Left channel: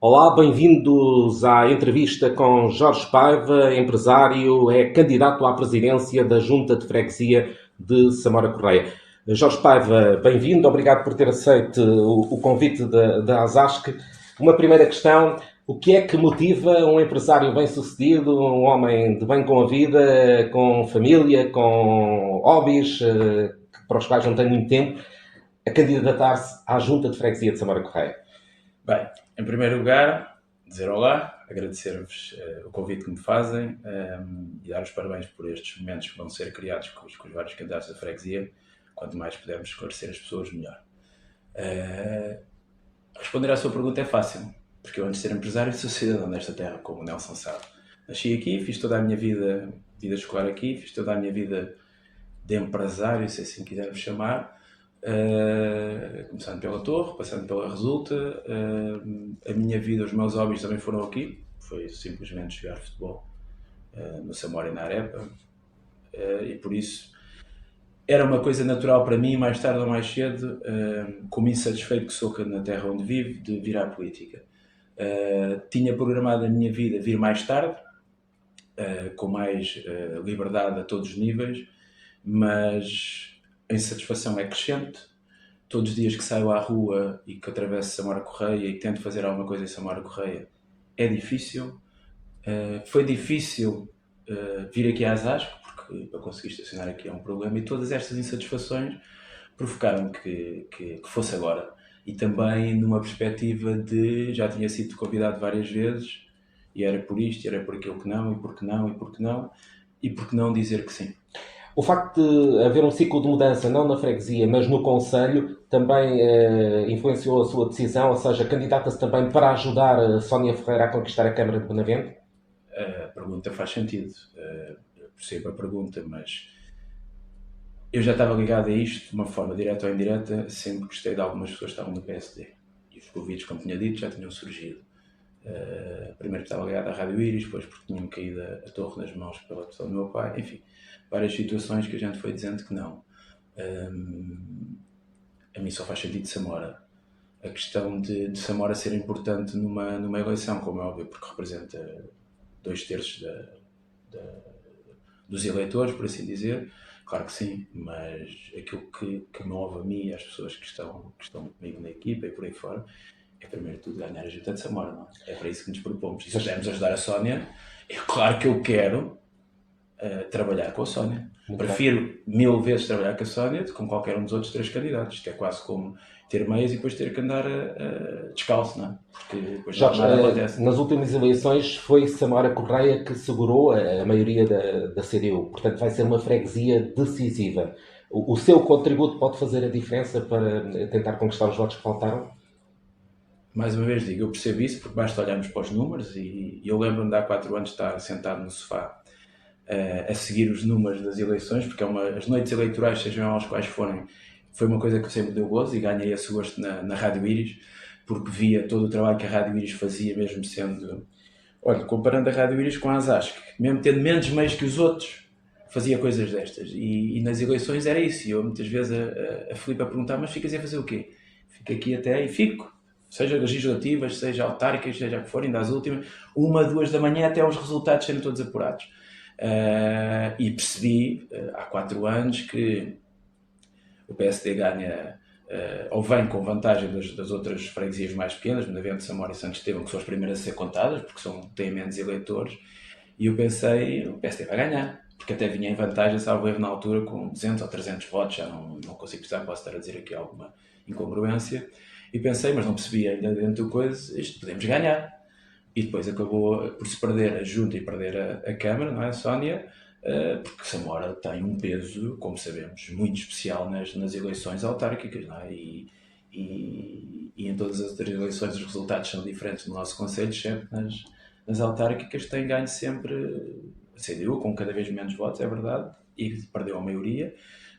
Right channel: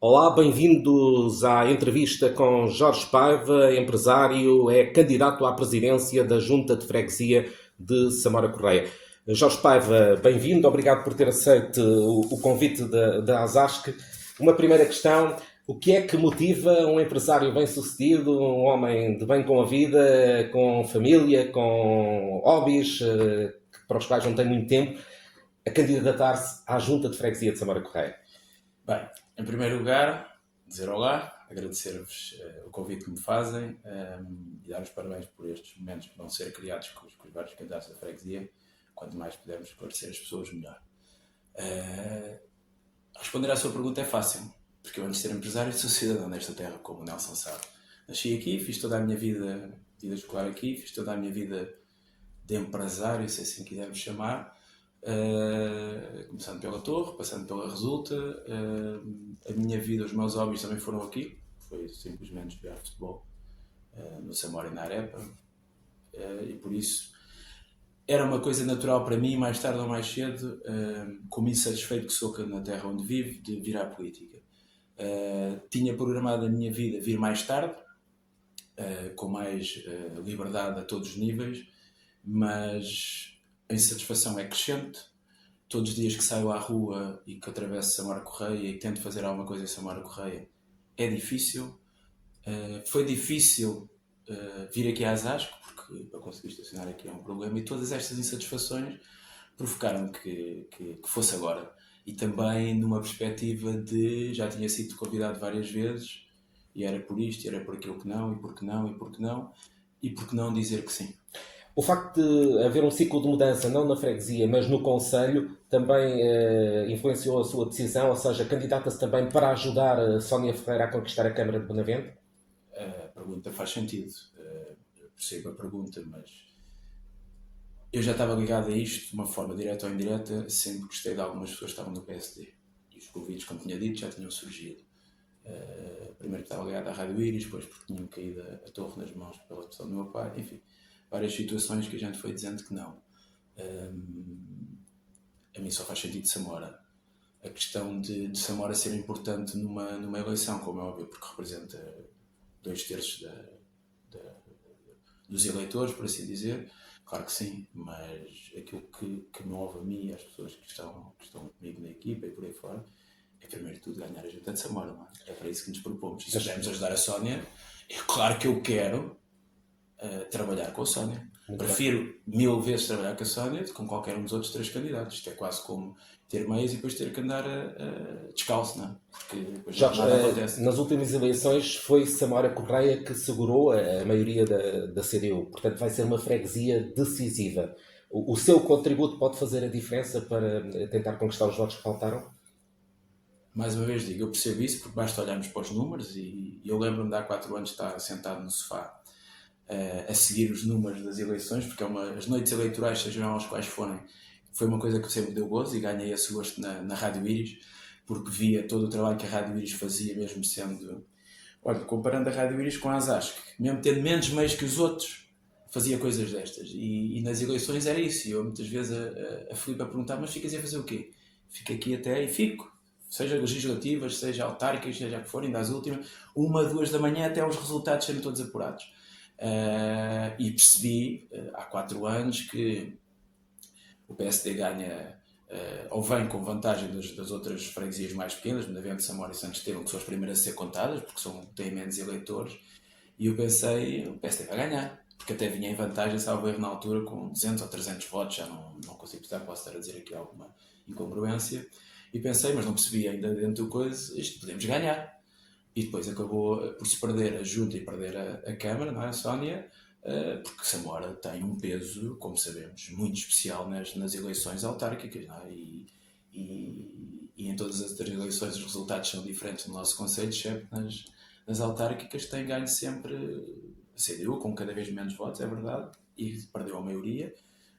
Olá, bem-vindos à entrevista com Jorge Paiva, empresário, é candidato à presidência da Junta de Freguesia de Samora Correia. Jorge Paiva, bem-vindo, obrigado por ter aceito o convite da ASASC. Uma primeira questão: o que é que motiva um empresário bem-sucedido, um homem de bem com a vida, com família, com hobbies, para os quais não tem muito tempo, a candidatar-se à Junta de Freguesia de Samora Correia? Bem, em primeiro lugar, dizer olá, agradecer-vos o convite que me fazem e dar os parabéns por estes momentos que vão ser criados com os vários candidatos da freguesia. Quanto mais pudermos esclarecer as pessoas, melhor. Responder à sua pergunta é fácil, porque eu antes de ser empresário sou cidadão desta terra, como o Nelson sabe. Nasci aqui, fiz toda a minha vida escolar aqui, fiz toda a minha vida de empresário, se assim quisermos chamar. Começando pela Torre, passando pela Resulta, a minha vida, os meus hobbies também foram aqui. Foi simplesmente jogar futebol no Samora e na Arepa, e por isso era uma coisa natural para mim, mais tarde ou mais cedo, como insatisfeito que sou na terra onde vivo, de vir à política. Tinha programado a minha vida vir mais tarde, com mais liberdade a todos os níveis, mas a insatisfação é crescente. Todos os dias que saio à rua e que atravesso Samora Correia e tento fazer alguma coisa em Samora Correia, é difícil. Foi difícil vir aqui às ASCO, porque para conseguir estacionar aqui é um problema, e todas estas insatisfações provocaram que fosse agora. E também numa perspectiva de já tinha sido convidado várias vezes, e era por isto, e era por aquilo que não, e por que não, e por que não, e por que não dizer que sim. O facto de haver um ciclo de mudança, não na freguesia, mas no Conselho, também influenciou a sua decisão, ou seja, candidata-se também para ajudar a Sónia Ferreira a conquistar a Câmara de Benavente? A pergunta faz sentido, eu percebo a pergunta, mas eu já estava ligado a isto de uma forma direta ou indireta, sempre gostei de algumas pessoas que estavam no PSD. E os convites, como tinha dito, já tinham surgido. Primeiro que estava ligado à Rádio Iris, depois porque tinha-me caído a torre nas mãos pela pessoa do meu pai, enfim, várias situações que a gente foi dizendo que não. A mim só faz sentido de Samora. A questão de Samora ser importante numa eleição, como é óbvio, porque representa 2/3 dos eleitores, por assim dizer, claro que sim, mas aquilo que move a mim e as pessoas que estão comigo na equipa e por aí fora, é primeiro de tudo ganhar a Junta de Samora, não é? É para isso que nos propomos. E se pudermos ajudar a Sónia, é claro que eu quero trabalhar com a Sónia. Prefiro 1000 vezes trabalhar com a Sónia do que com qualquer um dos outros 3 candidatos. Isto é quase como ter meias e depois ter que andar descalço, não é? Porque depois Jorge, nada acontece. nas últimas eleições foi Samora Correia que segurou a maioria da CDU, portanto vai ser uma freguesia decisiva. O seu contributo pode fazer a diferença para tentar conquistar os votos que faltaram? Mais uma vez digo, eu percebo isso porque basta olharmos para os números e eu lembro-me de há 4 anos estar sentado no sofá a seguir os números das eleições, porque as noites eleitorais, sejam elas quais forem, foi uma coisa que sempre deu gozo e ganhei esse gosto na Rádio Iris, porque via todo o trabalho que a Rádio Iris fazia, mesmo sendo... Olha, comparando a Rádio Iris com a ASASC, mesmo tendo menos meios que os outros, fazia coisas destas. E nas eleições era isso. E eu muitas vezes a Filipe a perguntar, mas ficas a fazer o quê? Fico aqui até e fico. Seja legislativas, seja autárquicas, seja o que for, ainda às últimas, 1, 2 da manhã até os resultados serem todos apurados. E percebi há 4 anos que o PSD ganha ou vem com vantagem das outras freguesias mais pequenas, Benavente, Samora e Santo Estevão, que são as primeiras a ser contadas, porque têm menos eleitores, e eu pensei, o PSD vai ganhar, porque até vinha em vantagem, salvo erro na altura, com 200 ou 300 votos, já não consigo precisar, posso estar a dizer aqui alguma incongruência, e pensei, mas não percebi ainda dentro da coisa, isto podemos ganhar. E depois acabou por se perder a Junta e perder a Câmara, não é, Sónia? Porque Samora tem um peso, como sabemos, muito especial nas eleições autárquicas, não é? E em todas as outras eleições os resultados são diferentes no nosso concelho, exceto nas autárquicas, tem ganho sempre a CDU, com cada vez menos votos, é verdade, e perdeu a maioria,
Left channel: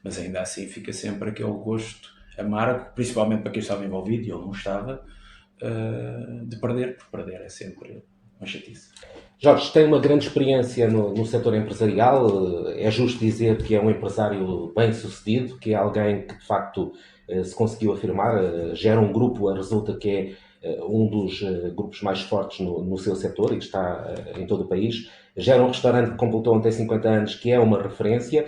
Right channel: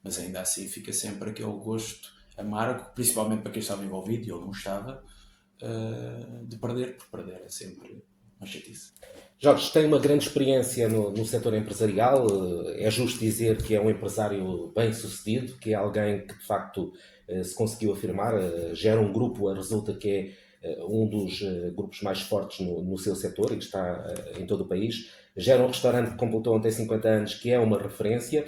mas ainda assim fica sempre aquele gosto amargo, principalmente para quem estava envolvido, e eu não estava, de perder, porque perder é sempre uma chatice. Jorge, tem uma grande experiência no setor empresarial, é justo dizer que é um empresário bem sucedido, que é alguém que de facto se conseguiu afirmar, gera um grupo, resulta que é um dos grupos mais fortes no seu setor e que está em todo o país. Gera um restaurante que completou ontem 50 anos, que é uma referência.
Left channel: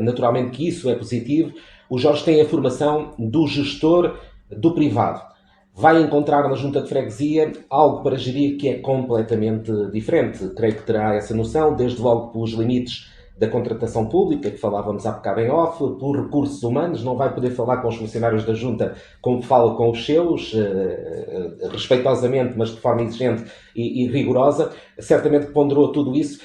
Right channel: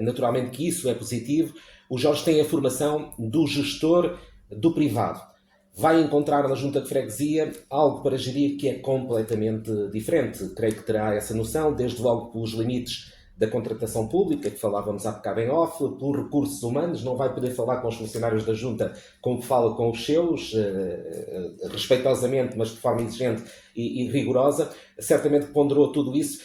Naturalmente que isso é positivo. O Jorge tem a formação do gestor do privado. Vai encontrar na junta de freguesia algo para gerir que é completamente diferente. Creio que terá essa noção, desde logo pelos limites da contratação pública, que falávamos há bocado em off, pelos recursos humanos, não vai poder falar com os funcionários da junta como fala com os seus, respeitosamente, mas de forma exigente e rigorosa. Certamente ponderou tudo isso.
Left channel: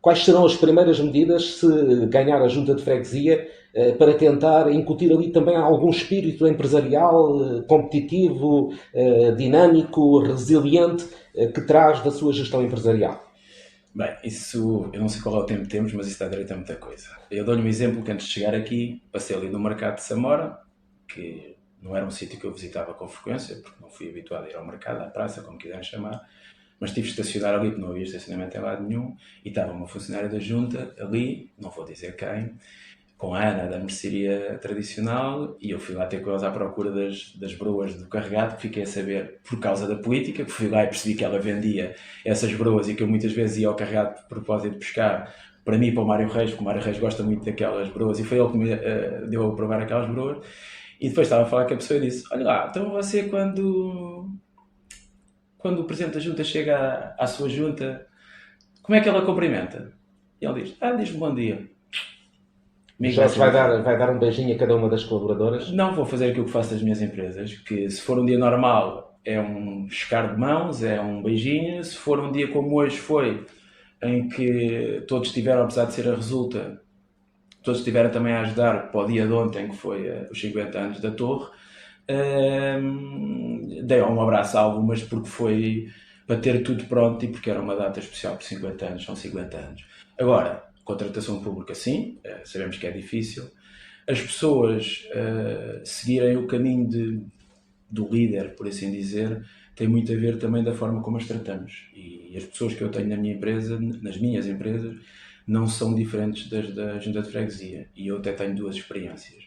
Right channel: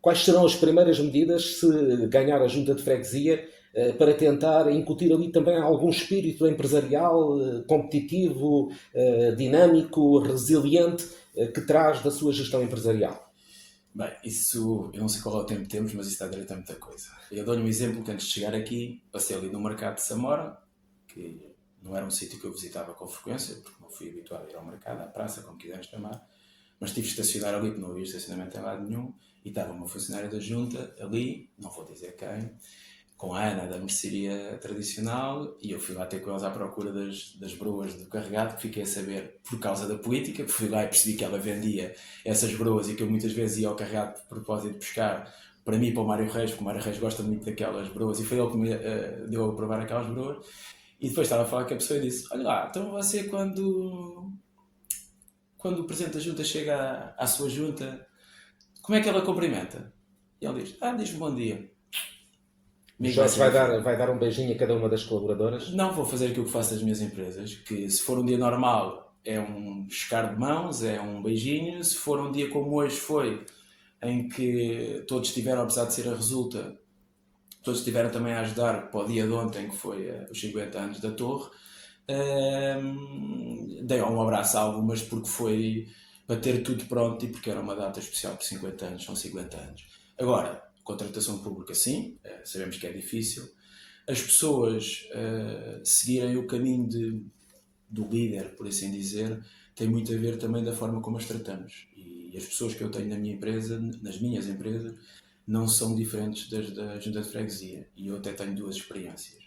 Quais serão as primeiras medidas se ganhar a junta de freguesia para tentar incutir ali também algum espírito empresarial, competitivo, dinâmico, resiliente, que traz da sua gestão empresarial? Bem, isso, eu não sei qual é o tempo que temos, mas isso dá direito a muita coisa. Eu dou-lhe um exemplo que antes de chegar aqui, passei ali no mercado de Samora, que não era um sítio que eu visitava com frequência, porque não fui habituado a ir ao mercado, à praça, como quiserem chamar, mas tive de estacionar ali, porque não havia estacionamento em lado nenhum, e estava uma funcionária da junta ali, não vou dizer quem, com a Ana da mercearia tradicional, e eu fui lá ter com eles à procura das broas do carregado, que fiquei a saber por causa da política, que fui lá e percebi que ela vendia essas broas e que eu muitas vezes ia ao carregado de propósito de pescar, para mim e para o Mário Reis, porque o Mário Reis gosta muito daquelas broas, e foi ele que me deu a provar aquelas broas. E depois estava a falar com a pessoa e disse: olha lá, então você quando o Presidente da Junta chega à sua junta, como é que ela cumprimenta? E ele diz: diz-me bom dia. Jorge vai dar um beijinho a cada uma das colaboradoras? Não vou fazer aquilo que faço das minhas empresas, que se for um dia normal é um escar de mãos, é um beijinho. Se for um dia como hoje foi, em que todos tiveram, apesar de ser a resulta, todos estiveram também a ajudar para o dia de ontem, que foi os 50 anos da Torre, dei um abraço a algumas porque foi para ter tudo pronto e porque era uma data especial por 50 anos, são 50 anos. Agora, contratação pública sim, sabemos que é difícil. As pessoas seguirem o caminho do líder, por assim dizer, tem muito a ver também da forma como as tratamos. E as pessoas que eu tenho na minha empresa, nas minhas empresas, não são diferentes das da junta de freguesia. E eu até tenho duas experiências.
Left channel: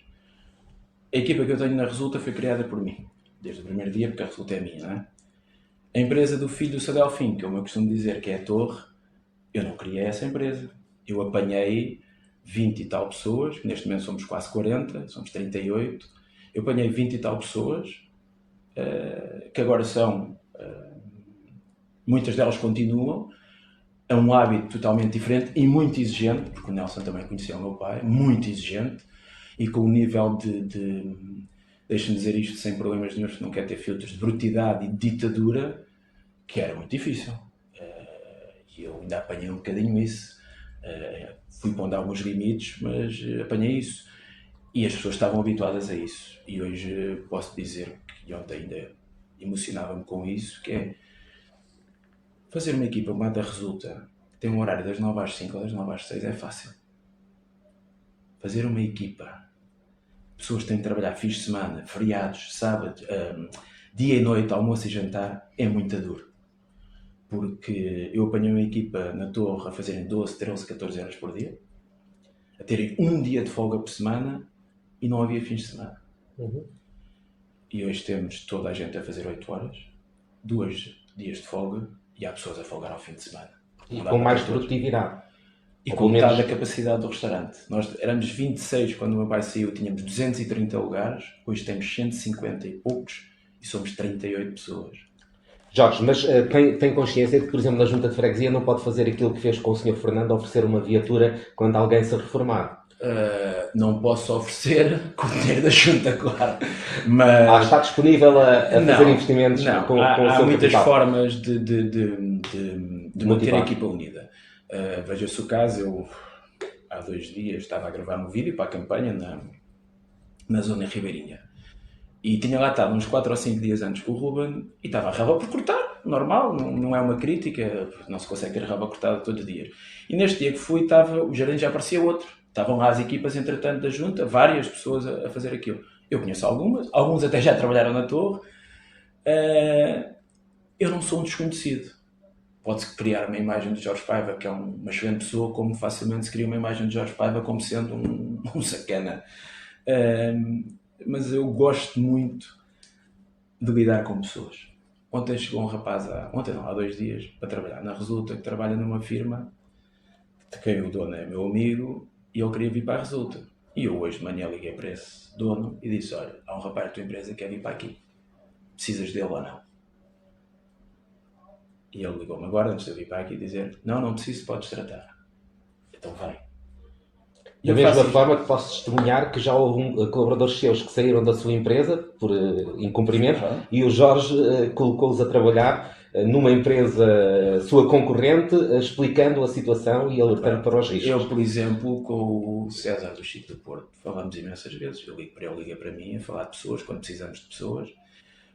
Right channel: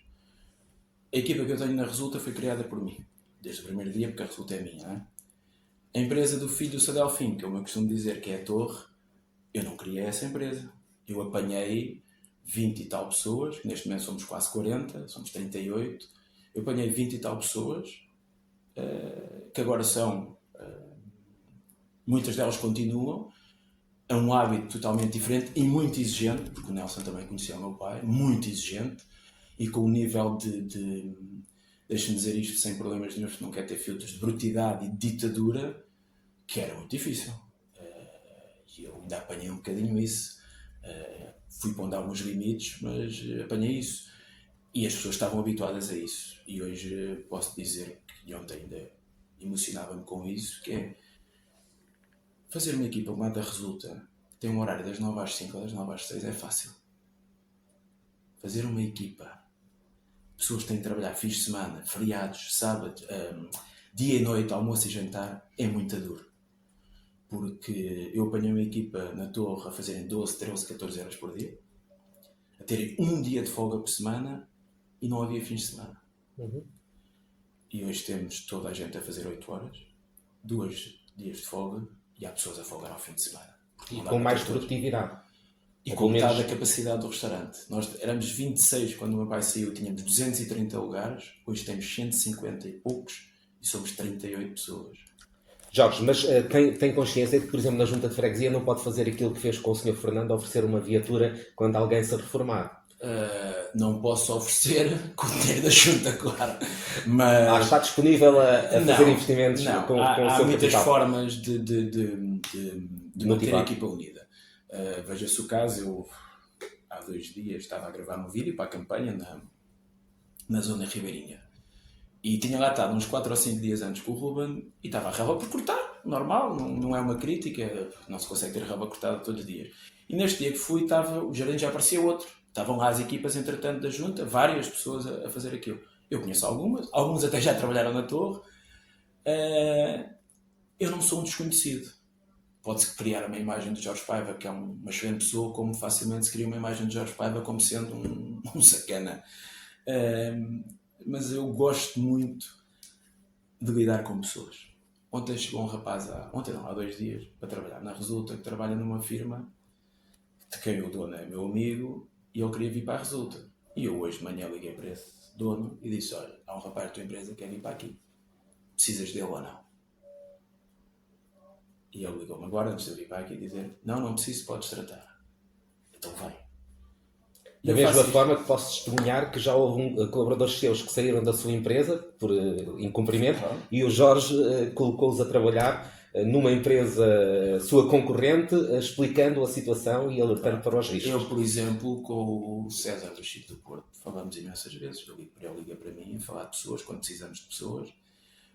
A equipa que eu tenho na Resulta foi criada por mim, desde o primeiro dia, porque a Resulta é minha, não é? A empresa do filho do Sadelfim, que é o meu costume dizer, que é a Torre, eu não criei essa empresa. Eu apanhei 20 e tal pessoas, neste momento somos quase 40, somos 38. Eu apanhei 20 e tal pessoas, que agora são, muitas delas continuam, é um hábito totalmente diferente e muito exigente, porque o Nelson também conhecia o meu pai, muito exigente, e com um nível deixe-me dizer isto sem problemas nenhum, porque não quer ter filtros, de brutalidade e de ditadura, que era muito difícil. E eu ainda apanhei um bocadinho isso. Fui pondo alguns limites, mas apanhei isso. E as pessoas estavam habituadas a isso. E hoje posso dizer que ontem ainda emocionava-me com isso, que é fazer uma equipa como a da Resulta, que tem um horário das 9 às 5 ou das 9 às 6, é fácil. Fazer uma equipa, pessoas que têm de trabalhar fins de semana, feriados, sábados, dia e noite, almoço e jantar, é muito duro. Porque eu apanhei uma equipa na Torre a fazerem 12, 13, 14 horas por dia, a terem um dia de folga por semana e não havia fins de semana. E hoje temos toda a gente a fazer 8 horas, 2 dias de folga, e há pessoas a folgar ao fim de semana. E com mais produtividade. E com metade da capacidade do restaurante. Nós éramos 26 quando o meu pai saiu, tínhamos 230 lugares, hoje temos 150 e poucos e somos 38 pessoas. Jorge, mas tem consciência de que, por exemplo, na junta de freguesia não pode fazer aquilo que fez com o Sr. Fernando, oferecer uma viatura quando alguém se reformar? Não posso oferecer com o dinheiro da junta, claro. Mas está disponível a fazer investimentos com há o seu muitas capital. formas de manter a equipa unida. Veja-se o caso, eu há 2 dias estava a gravar um vídeo para a campanha na zona ribeirinha. E tinha lá estado uns 4 ou 5 dias antes com o Ruben e estava a raba por cortar, normal, não é uma crítica, não se consegue ter a raba cortada todos os dias. E neste dia que fui, o gerente já aparecia outro. Estavam lá as equipas, entretanto, da junta, várias pessoas a fazer aquilo. Eu conheço alguns até já trabalharam na Torre. Eu não sou um desconhecido. Pode-se criar uma imagem de Jorge Paiva, que é uma excelente pessoa, como facilmente se cria uma imagem de Jorge Paiva como sendo um sacana. Mas eu gosto muito de lidar com pessoas. Ontem chegou um rapaz, há 2 dias, para trabalhar na Resulta, que trabalha numa firma, de quem o dono é meu amigo, e ele queria vir para a Resulta. E eu hoje de manhã liguei para esse dono e disse, olha, há um rapaz da tua empresa que quer vir para aqui. Precisas dele ou não? E ele ligou-me agora, antes de eu vir para aqui, dizer, não preciso, podes tratar. Então vai. Da mesma forma que posso testemunhar que já houve colaboradores seus que saíram da sua empresa por incumprimento e o Jorge colocou-os a trabalhar numa empresa sua concorrente, explicando a situação e alertando para os riscos. Eu, por exemplo, com o César do Chico do Porto, falamos imensas vezes. Eu ligo para ele, liga para mim, a falar de pessoas, quando precisamos de pessoas.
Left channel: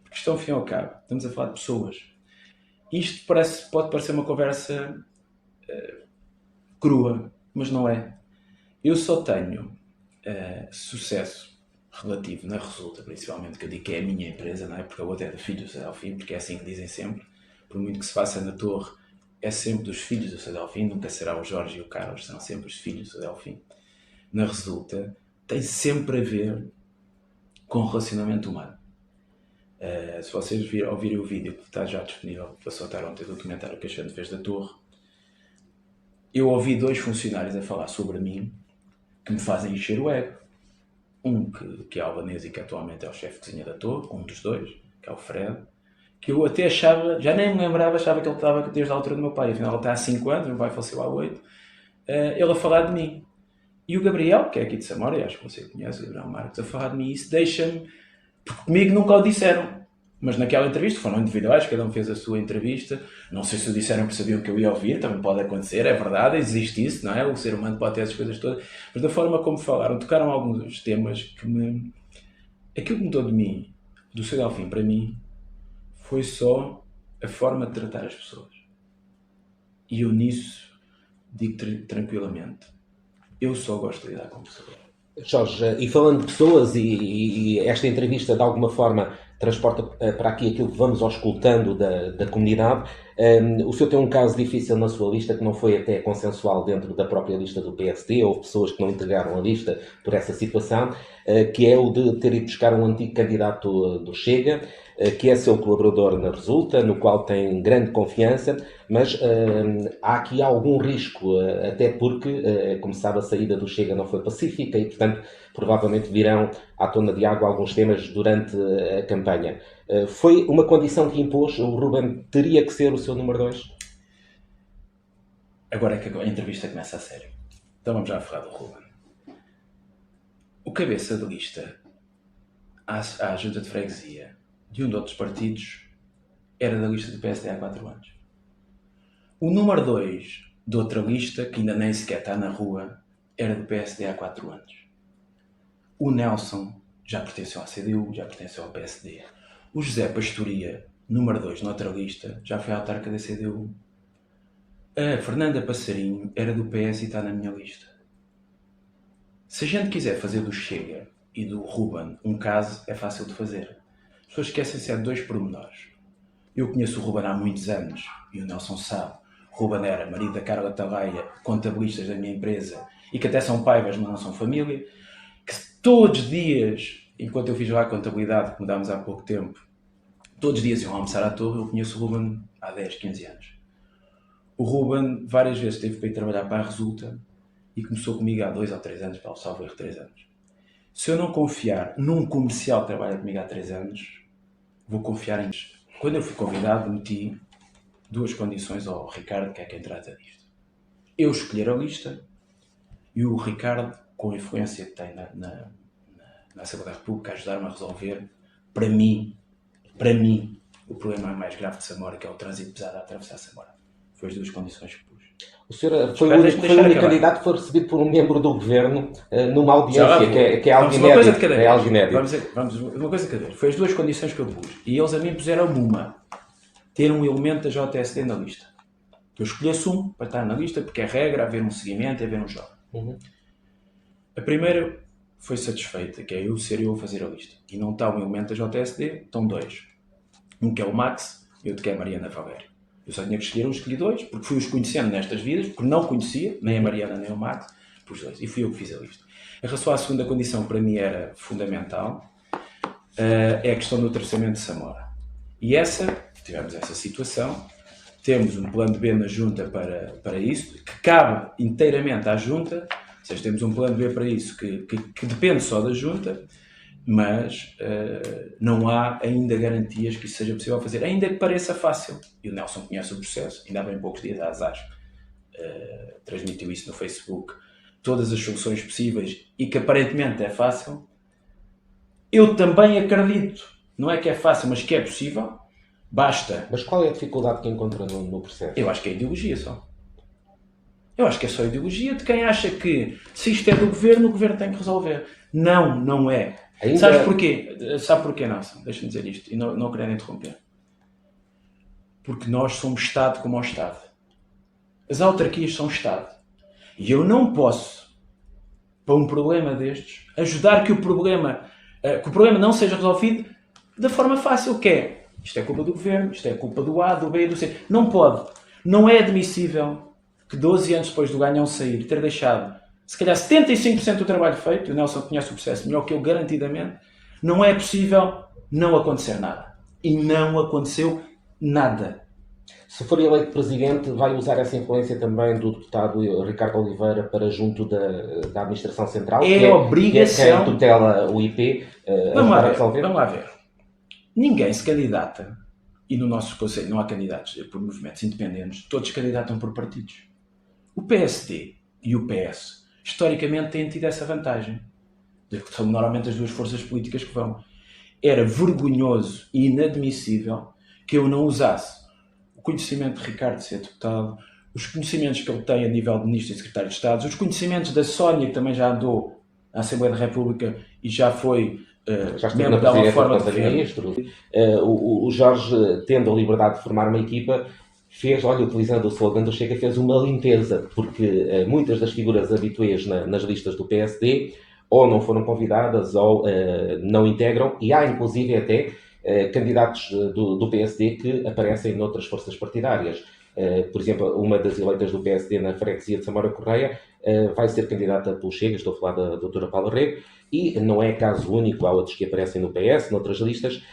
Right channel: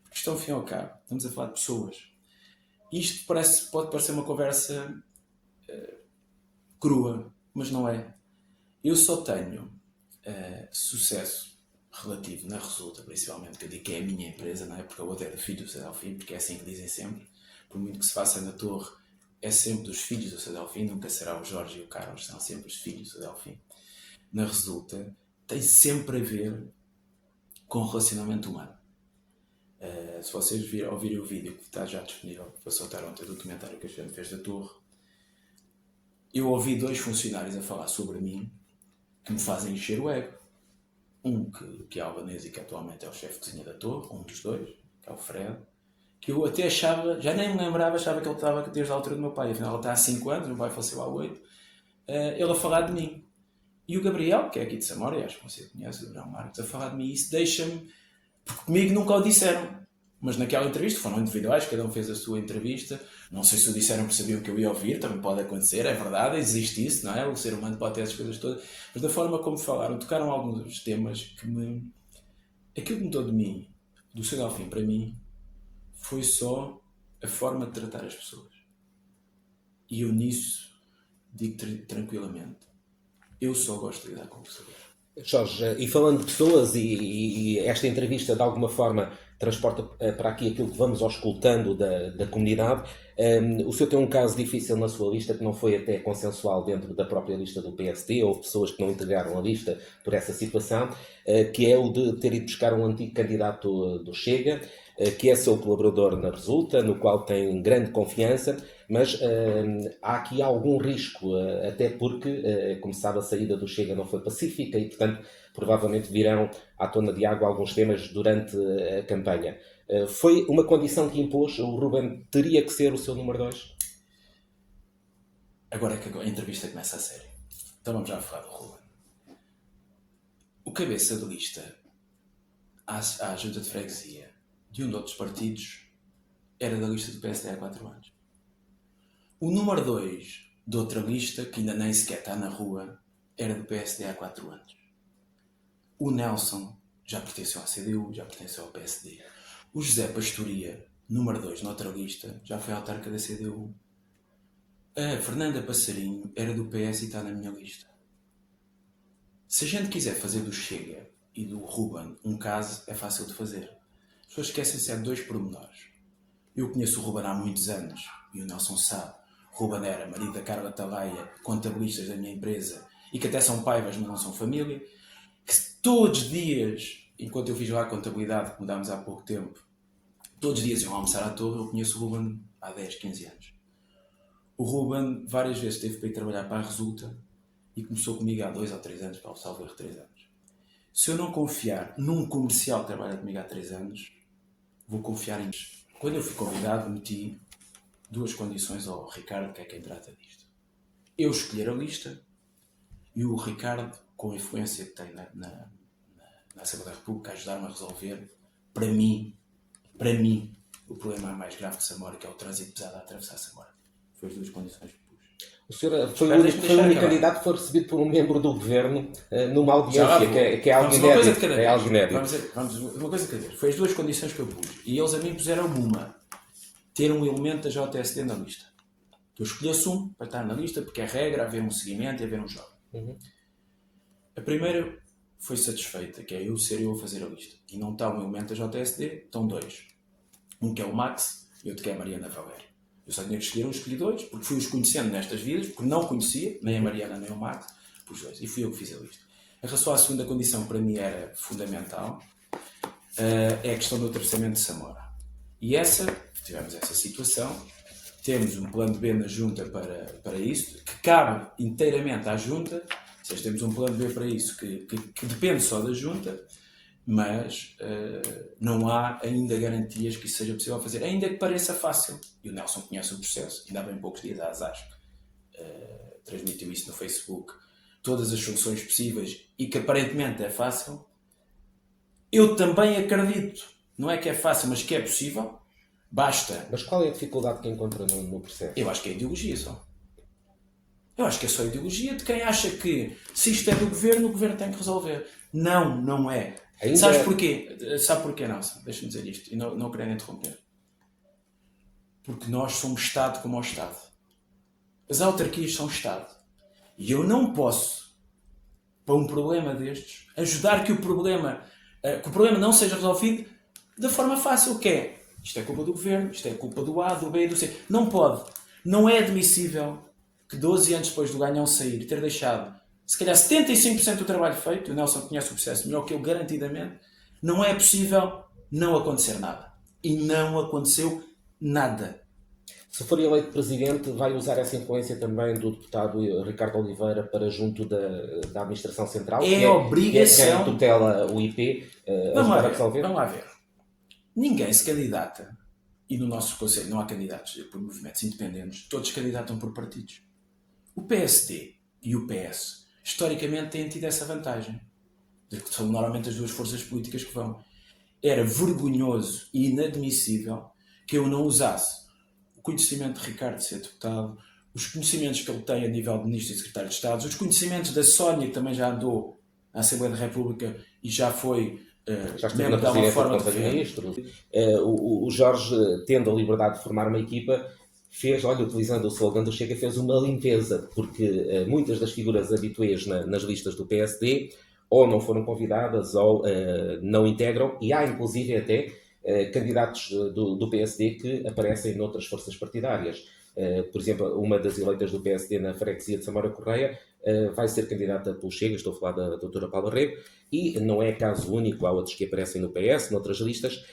Porque isto, ao fim e ao cabo, estamos a falar de pessoas. Isto pode parecer uma conversa crua, mas não é. Eu só tenho sucesso relativo na Resulta, principalmente, que eu digo que é a minha empresa, não é? Porque a outra é do filho do Sadelfim, porque é assim que dizem sempre. Por muito que se faça na Torre, é sempre dos filhos do Sadelfim, nunca será o Jorge e o Carlos, são sempre os filhos do Sadelfim. Na Resulta, tem sempre a ver com o relacionamento humano. Se vocês ouvirem o vídeo que está já disponível para soltar ontem do documentário que a gente fez da Torre, eu ouvi 2 funcionários a falar sobre mim que me fazem encher o ego. Um que é albanês e que atualmente é o chefe de cozinha da Torre, um dos 2, que é o Fred, que eu até achava, já nem me lembrava, achava que ele estava desde a altura do meu pai, afinal ele está há 5 anos, meu pai faleceu há 8, ele a falar de mim. E o Gabriel, que é aqui de Samora, e acho que você conhece, o Gabriel Marques, a falar de mim, isso deixa-me, porque comigo nunca o disseram. Mas naquela entrevista, foram individuais, cada um fez a sua entrevista. Não sei se o disseram porque sabiam que eu ia ouvir, também pode acontecer, é verdade, existe isso, não é? O ser humano pode ter essas coisas todas. Mas da forma como falaram, tocaram alguns temas que me... Aquilo que mudou de mim, do Sadelfim para mim, foi só a forma de tratar as pessoas. E eu nisso digo tranquilamente, eu só gosto de lidar com pessoas. Jorge, e falando de pessoas, e esta entrevista de alguma forma transporta para aqui aquilo que vamos auscultando da comunidade, o senhor tem um caso difícil na sua lista que não foi até consensual dentro da própria lista do PSD, houve pessoas que não integraram a lista por essa situação, que é o de ter ido buscar um antigo candidato do Chega, que é seu colaborador na Resulta, no qual tem grande confiança, mas há aqui algum risco, até porque, como sabe, a saída do Chega não foi pacífica e, portanto, provavelmente virão à tona de água alguns temas durante a campanha. Foi uma condição que impôs, o Ruben teria que ser o seu número 2? Agora é que a entrevista começa a sério. Então vamos já falar do Ruben. O cabeça de lista à junta de freguesia de um de outros partidos era da lista do PSD há 4 anos. O número 2 de outra lista, que ainda nem sequer está na rua, era do PSD há 4 anos. O Nelson já pertenceu à CDU, já pertenceu ao PSD. O José Pastoria, número 2 noutra lista, já foi autarca da CDU. A Fernanda Passarinho era do PS e está na minha lista. Se a gente quiser fazer do Chega e do Ruben um caso, é fácil de fazer. As pessoas esquecem-se de 2 pormenores. Eu conheço o Ruben há muitos anos, e o Nelson sabe. O Ruben era marido da Carla Talaia, contabilistas da minha empresa, e que até são paivas, mas não são família, que todos os dias, enquanto eu fiz lá a contabilidade, que mudámos há pouco tempo, todos os dias iam almoçar à Torre. Eu conheço o Ruben há 10, 15 anos. O Ruben várias vezes teve para ir trabalhar para a Resulta e começou comigo há 2 ou 3 anos, para o salvo erro 3 anos. Se eu não confiar num comercial que trabalha comigo há 3 anos, vou confiar em... Quando eu fui convidado, meti 2 condições ao Ricardo, que é quem trata disto. Eu escolher a lista e o Ricardo, com a influência que tem na Assembleia da República, ajudar-me a resolver, para mim, o problema mais grave de Samora, que é o trânsito pesado a atravessar Samora. Foi as 2 condições que pus. O senhor foi o único candidato que foi recebido por um membro do governo numa audiência, que é algo inédito. Vamos uma coisa de cada vez. Foi as 2 condições que eu pus. E eles a mim puseram uma. Ter um elemento da JSD na lista. Eu escolhesse um para estar na lista, porque é regra haver um seguimento e haver um jogo. A primeira foi satisfeita, que é eu ser eu a fazer a lista. E não está um elemento da JSD, estão 2. Um que é o Max e outro que é a Mariana Valério. Eu só tinha que escolher, escolhi 2, porque fui-os conhecendo nestas vidas, porque não conhecia, nem a Mariana nem o Max, pus 2. E fui eu que fiz a lista. Em relação à segunda condição, para mim era fundamental. é a questão do atravessamento de Samora. E tivemos essa situação, temos um plano B na Junta para isso, que cabe inteiramente à Junta, ou seja, temos um plano B para isso que depende só da Junta, mas não há ainda garantias que isso seja possível fazer, ainda que pareça fácil. E o Nelson conhece o processo, ainda há bem poucos dias a Azar transmitiu isso no Facebook, todas as soluções possíveis, e que aparentemente é fácil. Eu também acredito, não é que é fácil, mas que é possível. Basta. Mas qual é a dificuldade que encontra no processo? Eu acho que é ideologia só. Eu acho que é só ideologia de quem acha que se isto é do governo, o governo tem que resolver. Não, não é. Sabes porquê? Sabe porquê, Nelson? Deixa-me dizer isto e não querendo interromper. Porque nós somos Estado como o Estado. As autarquias são Estado. E eu não posso, para um problema destes, ajudar que o problema não seja resolvido da forma fácil que é. Isto é culpa do governo, isto é culpa do A, do B e do C. Não pode. Não é admissível que 12 anos depois do ganhão sair, ter deixado, se calhar 75% do trabalho feito, o Nelson conhece o processo melhor que eu, garantidamente, não é possível não acontecer nada. E não aconteceu nada. Se for eleito presidente, vai usar essa influência também do deputado Ricardo Oliveira para junto da administração central? É obrigação. Que tutela o IP. Vamos lá ver. Ninguém se candidata, e no nosso conselho não há candidatos por movimentos independentes, todos candidatam por partidos. O PSD e o PS, historicamente, têm tido essa vantagem. São normalmente as duas forças políticas que vão. Era vergonhoso e inadmissível que eu não usasse o conhecimento de Ricardo de ser deputado, os conhecimentos que ele tem a nível de Ministro e Secretário de Estado, os conhecimentos da Sónia, que também já andou à Assembleia da República e já foi membro da uma forma de ministro. O Jorge, tendo a liberdade de formar uma equipa, utilizando o slogan do Chega, fez uma limpeza, porque muitas das figuras habituais nas listas do PSD ou não foram convidadas ou não integram, e há inclusive até candidatos do PSD que aparecem noutras forças partidárias. Por exemplo, uma das eleitas do PSD na freguesia de Samora Correia vai ser candidata pelo Chega, estou a falar da doutora Paula Rego, e não é caso único, há outros que aparecem no PS, noutras listas.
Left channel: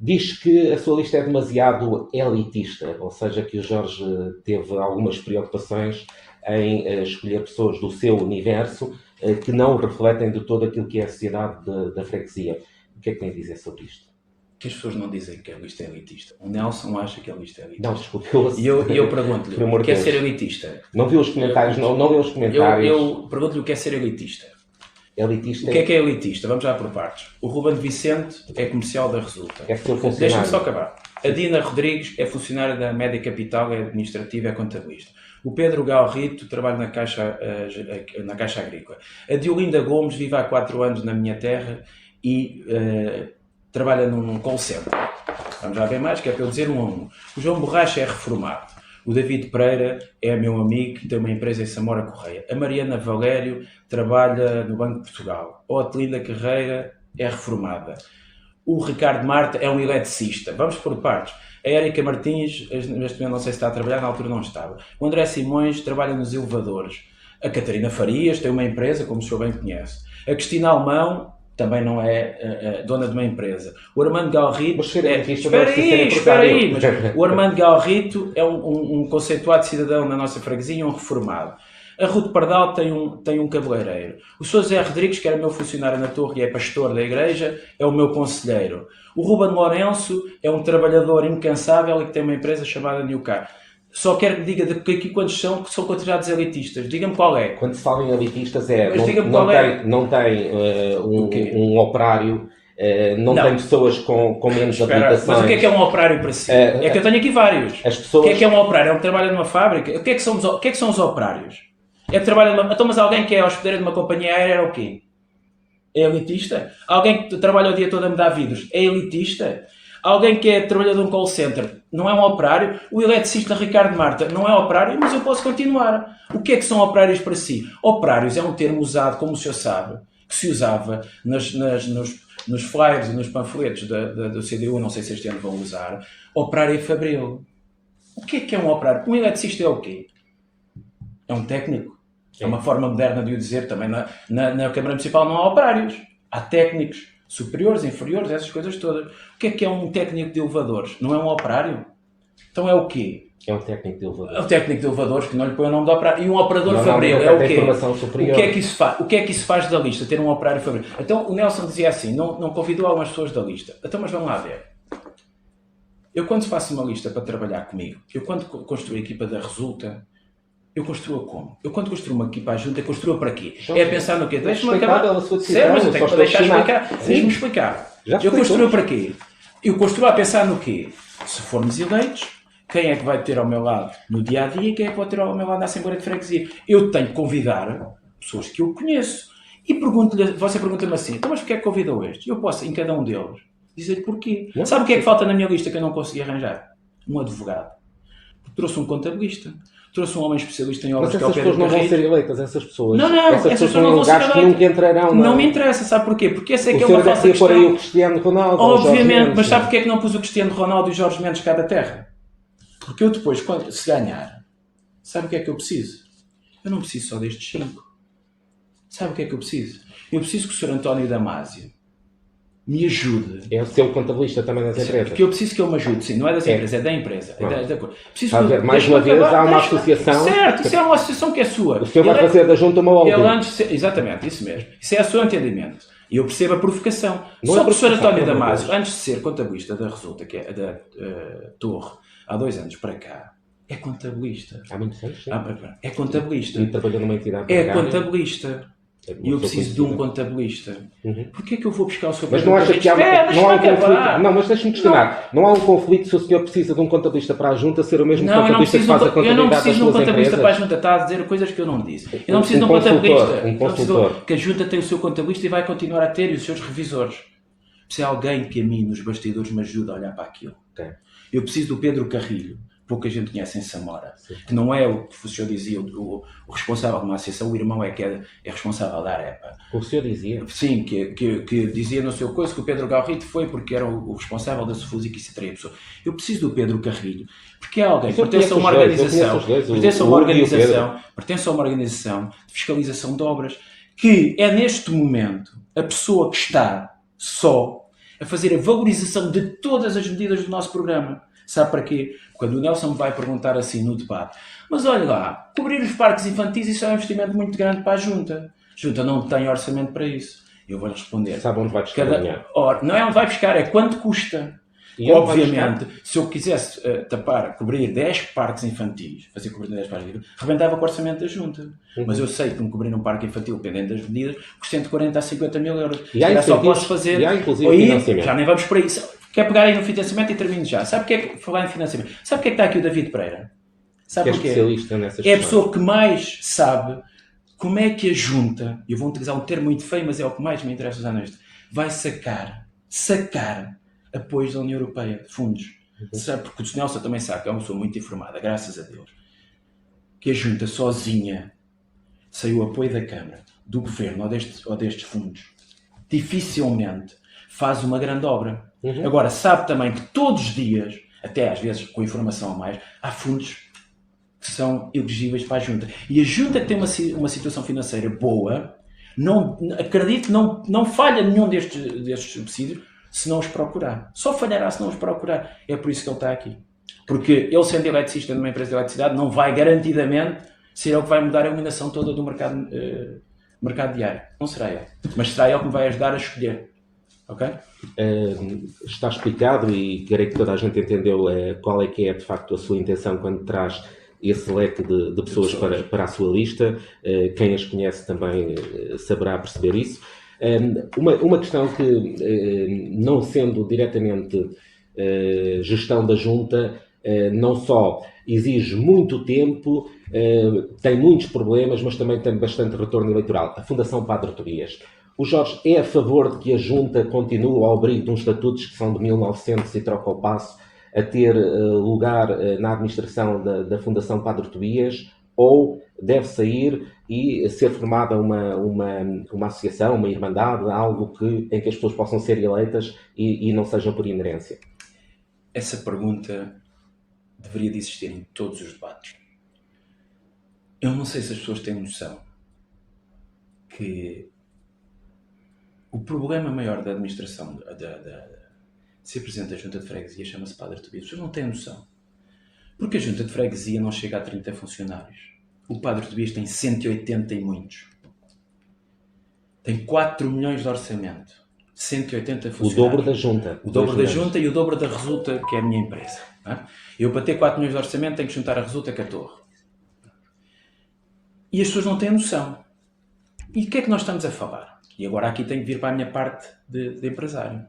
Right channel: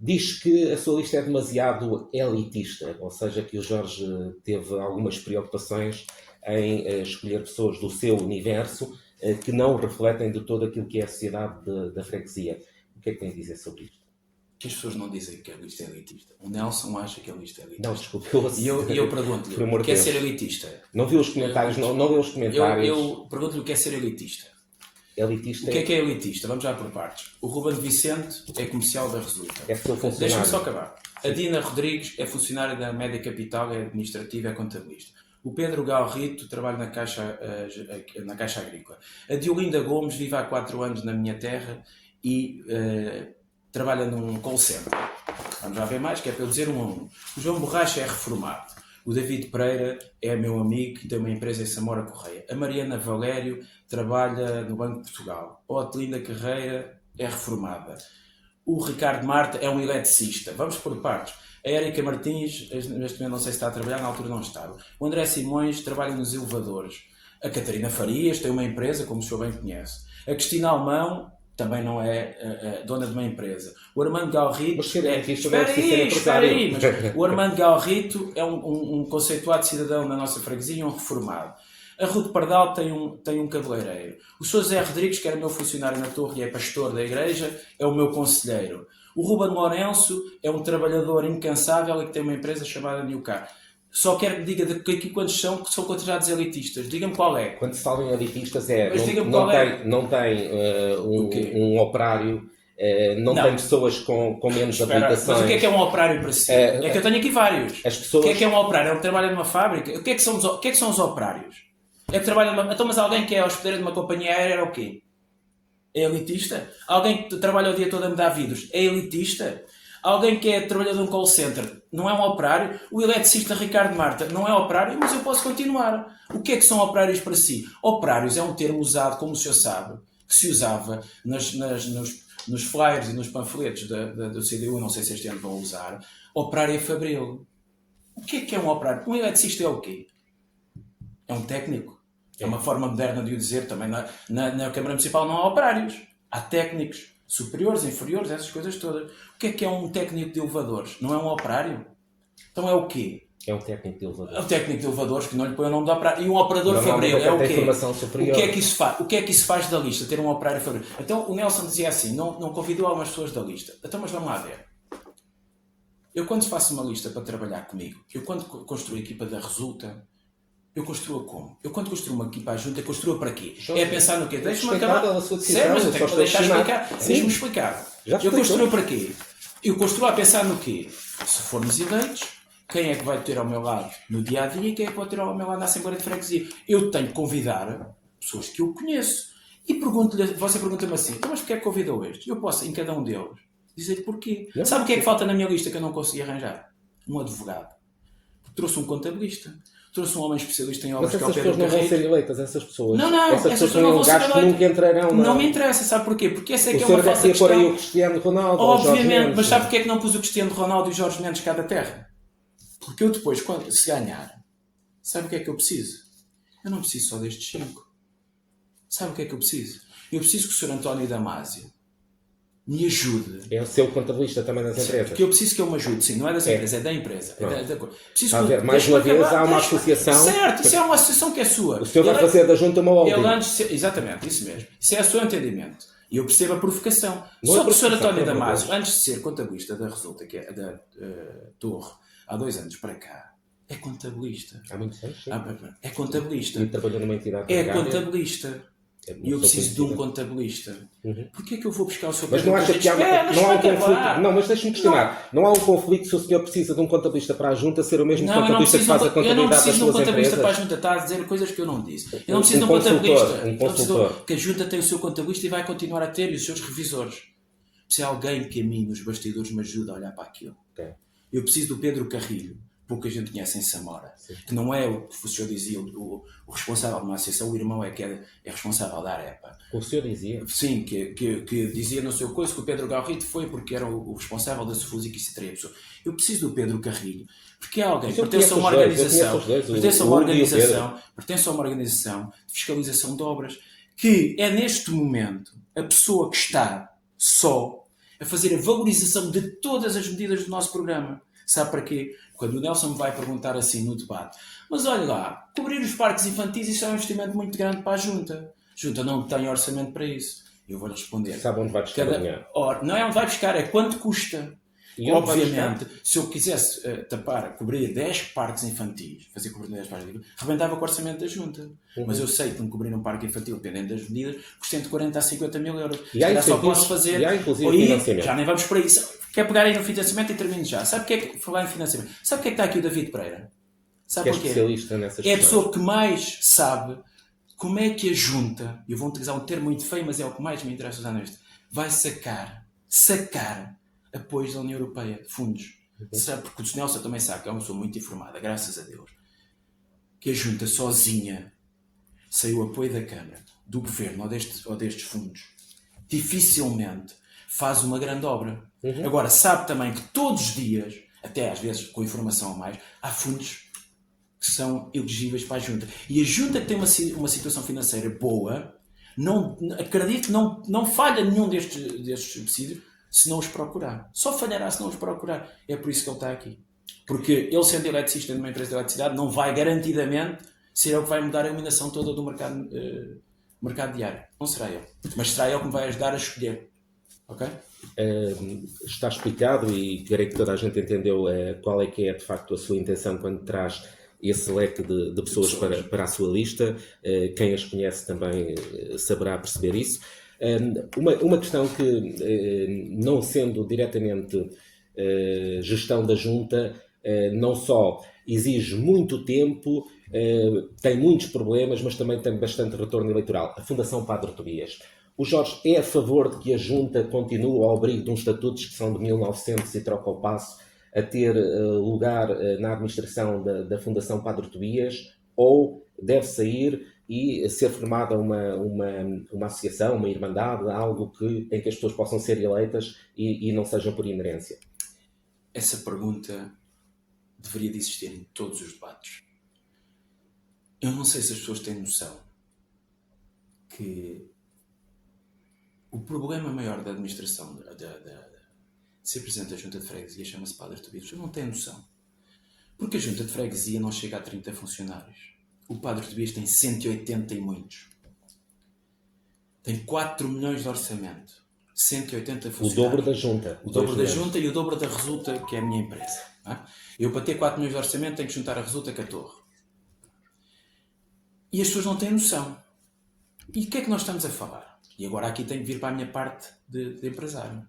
Diz que a sua lista é demasiado elitista, ou seja, que o Jorge teve algumas preocupações em escolher pessoas do seu universo que não refletem de todo aquilo que é a sociedade da freguesia. O que é que tem a dizer sobre isto? Que as pessoas não dizem que a lista é elitista. O Nelson acha que a lista é elitista. Não, desculpe. E eu pergunto-lhe, quer ser elitista? Não viu os comentários, não viu os comentários. Eu pergunto-lhe o que é ser elitista. Elitista. O que é elitista? Vamos já por partes. O Ruben Vicente é comercial da Resulta. É seu funcionário. Deixa-me só acabar. A Dina Rodrigues é funcionária da Média Capital, é administrativa, é contabilista. O Pedro Galrito trabalha na Caixa Agrícola. A Diolinda Gomes vive há 4 anos na minha terra e trabalha num call center. Vamos já ver mais, que é para eu dizer um a um. O João Borracha é reformado. O David Pereira é meu amigo e tem uma empresa em Samora Correia. A Mariana Valério trabalha no Banco de Portugal. A Otelinda Carreira é reformada. O Ricardo Marta é um eletricista. Vamos por partes. A Érica Martins, neste momento não sei se está a trabalhar, na altura não estava. O André Simões trabalha nos elevadores. A Catarina Farias tem uma empresa, como o senhor bem conhece. A Cristina Alemão também não é dona de uma empresa. O Armando Galrito... Espera aí! O Armando Galrito é um conceituado cidadão na nossa freguesia, um reformado. A Ruth Pardal tem um cabeleireiro. O Sr. José Rodrigues, que era meu funcionário na Torre e é pastor da igreja, é o meu conselheiro. O Ruben Lourenço é um trabalhador incansável e que tem uma empresa chamada Newcar. Só quero que me diga aqui quantos são que são considerados elitistas. Diga-me qual é. Quando se fala em elitistas não tem um operário, não tem pessoas com menos habilitações. Mas o que é um operário para si? É que eu tenho aqui vários. O que é um operário? É um que trabalha numa fábrica? O que é que são os operários? É que trabalha numa... Então, mas alguém que é hospedeiro de uma companhia aérea é o quê? É elitista? Alguém que trabalha o dia todo a mudar vidros é elitista? Alguém que é trabalhador de um call center não é um operário? O eletricista Ricardo Marta não é operário? Mas eu posso continuar. O que é que são operários para si? Operários é um termo usado, como o senhor sabe, que se usava nos flyers e nos panfletos do CDU, não sei se este ano vão usar. Operário é fabril. O que é um operário? Um eletricista é o quê? É um técnico. É uma forma moderna de o dizer. Também na Câmara Municipal não há operários. Há técnicos. superiores, inferiores, essas coisas todas. O que é um técnico de elevadores? Não é um operário? Então é o quê? É um técnico de elevador. É um técnico de elevadores que não lhe põe o nome de operário. E um operador fabril Normalmente é o tem quê? formação superior. O que é que isso faz? O que é que isso faz da lista, ter um operário fabril? Então o Nelson dizia assim, não convidou algumas pessoas da lista. Então, mas vamos lá ver. Eu quando faço uma lista para trabalhar comigo, eu quando construo a equipa da Resulta, eu construo como? Eu quando construo uma equipa junta, eu construo para quê? É pensar no quê? Deixa-me acabar. Sério, mas eu tenho que deixar explicar. Deixa-me explicar. Eu construo para quê? Eu construo a pensar no quê? Se formos eleitos, quem é que vai ter ao meu lado no dia a dia e quem é que vai ter ao meu lado na Assembleia de Freguesia? Eu tenho que convidar pessoas que eu conheço. E você pergunta-me assim, então mas porquê é que convidou este? Eu posso, em cada um deles, dizer porquê. Não. Sabe o que é que falta na minha lista que eu não consegui arranjar? Um advogado. Trouxe um contabilista. Trouxe um homem especialista em obras que é o Pedro Carrilho. Mas essas pessoas não vão ser eleitas, essas pessoas. Não, essas pessoas não vão ser eleitas. Nunca entrarão. Não me interessa, sabe porquê? Porque essa é que é uma falsa questão. Aí o Cristiano Ronaldo. Obviamente, mas sabe porquê é que não pus o Cristiano Ronaldo e o Jorge Mendes cá da terra? Porque eu depois, se ganhar, sabe o que é que eu preciso? Eu não preciso só destes 5. Sabe o que é que eu preciso? Eu preciso que o Sr. António Damasio me ajude. É o seu contabilista também das empresas. Porque eu preciso que ele me ajude, sim. Não é das empresas, é da empresa. Preciso que ver, mais uma vez há uma associação. Certo, isso é uma associação que é sua. O senhor vai fazer da junta uma holding. Exatamente, isso mesmo. Isso é o seu entendimento. E eu percebo a provocação. Só que o Sr. António Damasio, antes de ser contabilista da Resulta, que é da Torre, há 2 anos para cá, é contabilista. Há muitos anos, sim. É contabilista. E trabalhou numa entidade É contabilista. E eu preciso de um contabilista. Porquê é que eu vou buscar o seu Pedro Carrilho? Não, mas deixe-me questionar. Não há um conflito se o senhor precisa de um contabilista para a junta ser o mesmo contabilista que faz a contabilidade. Eu não preciso de um contabilista para a junta. Está a dizer coisas que eu não disse. Eu não preciso de um contabilista. Que a junta tem o seu contabilista e vai continuar a ter e os seus revisores. Preciso de alguém que a mim, nos bastidores, me ajude a olhar para aquilo. Eu preciso do Pedro Carrilho. Pouca gente conhece em Samora, que não é o que o senhor dizia, o responsável de uma associação, o irmão é que é responsável da AREPA. O senhor dizia? Sim, que dizia no seu coisa que o Pedro Galrito foi porque era o responsável da Sofusa e que isso teria pessoa. Eu preciso do Pedro Carrilho, porque é alguém que pertence a uma organização de fiscalização de obras, que é neste momento a pessoa que está só a fazer a valorização de todas as medidas do nosso programa. Sabe para quê? Quando o Nelson me vai perguntar assim no debate, mas olha lá, cobrir os parques infantis, isso é um investimento muito grande para a Junta. A Junta não tem orçamento para isso. Eu vou-lhe responder. Sabe onde vai buscar não é onde vai buscar, é quanto custa. E obviamente, se eu quisesse cobrir 10 parques infantis, fazer cobrir 10 parques infantis, rebentava com o orçamento da Junta. Mas eu sei que me cobrir um parque infantil, dependendo das medidas, custa entre 40 a 50 mil euros. E há só posso fazer. E há inclusive financiamento. Já nem vamos por aí. Quer pegar aí no financiamento e termino já. Sabe o que é que falar em financiamento? Sabe o que é que está aqui o David Pereira? Sabe porquê? É a pessoa que mais sabe como é que a Junta, eu vou utilizar um termo muito feio, mas é o que mais me interessa usar neste, vai sacar apoios da União Europeia, de fundos. Sabe? Porque o Nelson também sabe que é uma pessoa muito informada, graças a Deus, que a Junta sozinha, sem o apoio da Câmara, do Governo ou destes fundos, dificilmente faz uma grande obra. Agora, sabe também que todos os dias, até às vezes com informação a mais, há fundos que são elegíveis para a Junta. E a Junta que tem uma situação financeira boa, acredito que não falha nenhum destes subsídios se não os procurar. Só falhará se não os procurar. É por isso que ele está aqui. Porque ele, sendo eletricista numa empresa de eletricidade, não vai garantidamente ser ele que vai mudar a iluminação toda do mercado diário. Não será ele. Mas será ele que me vai ajudar a escolher. Ok? Está explicado e creio que toda a gente entendeu qual é que é de facto a sua intenção quando traz esse leque de pessoas para a sua lista. Quem as conhece também saberá perceber isso. Uma questão que, não sendo diretamente gestão da junta, não só exige muito tempo, tem muitos problemas, mas também tem bastante retorno eleitoral. A Fundação Padre Tobias. O Jorge é a favor de que a junta continue ao abrigo de uns estatutos que são de 1900 e troca o passo a ter lugar na administração da Fundação Padre Tobias, ou deve sair e ser formada uma associação, uma irmandade, algo em que as pessoas possam ser eleitas e não sejam por inerência? Essa pergunta deveria de existir em todos os debates. Eu não sei se as pessoas têm noção que O problema maior da administração, de ser presidente da Junta de Freguesia, chama-se Padre Tobias. Vocês não têm noção. Porque a Junta de Freguesia não chega a 30 funcionários. O Padre Tobias tem 180 e muitos. Tem 4 milhões de orçamento. 180 funcionários. O dobro da Junta. O dobro da Junta e o dobro da Resulta, que é a minha empresa. Eu, para ter 4 milhões de orçamento, tenho que juntar a Resulta com a Torre. E as pessoas não têm noção. E o que é que nós estamos a falar? E agora aqui tenho que vir para a minha parte de empresário.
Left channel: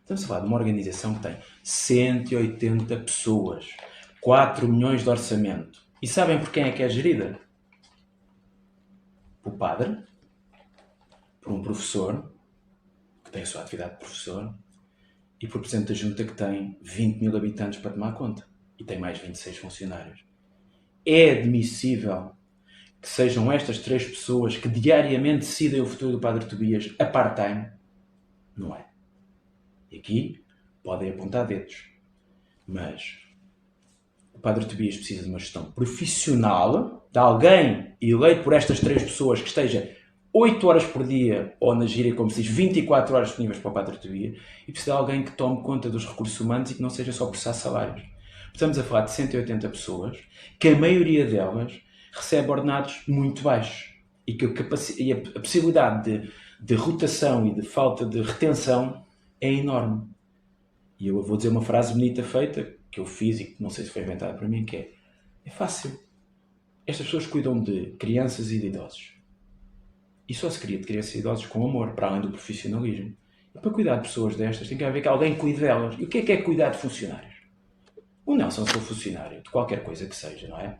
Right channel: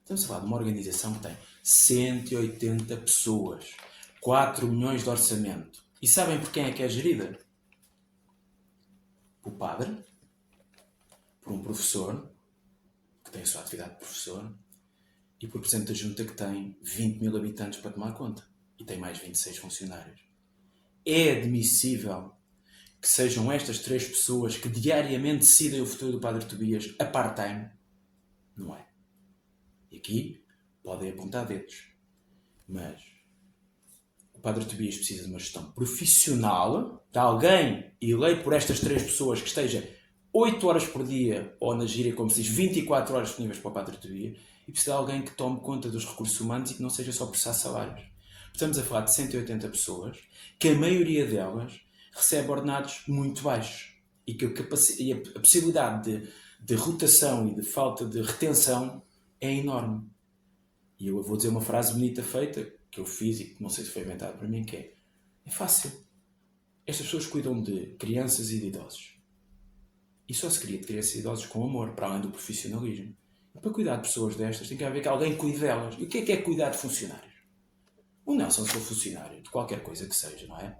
Estamos a falar de uma organização que tem 180 pessoas, 4 milhões de orçamento. E sabem por quem é que é gerida? Por padre, por um professor, que tem a sua atividade de professor, e por presidente da Junta, que tem 20 mil habitantes para tomar conta. E tem mais 26 funcionários. É admissível que sejam estas 3 pessoas que diariamente decidem o futuro do Padre Tobias a part-time? Não é. E aqui podem apontar dedos. Mas o Padre Tobias precisa de uma gestão profissional, de alguém eleito por estas 3 pessoas que esteja 8 horas por dia, ou na gíria, como se diz, 24 horas disponíveis para o Padre Tobias, e precisa de alguém que tome conta dos recursos humanos e que não seja só processar salários. Estamos a falar de 180 pessoas, que a maioria delas recebe ordenados muito baixos e que a possibilidade de rotação e de falta de retenção é enorme. E eu vou dizer uma frase bonita feita, que eu fiz e que não sei se foi inventada para mim, que é fácil. Estas pessoas cuidam de crianças e de idosos. E só se cria de crianças e idosos com amor, para além do profissionalismo. E para cuidar de pessoas destas tem que haver que alguém cuide delas. E o que é cuidar de funcionários? O Nelson, se for funcionário de qualquer coisa que seja, não é?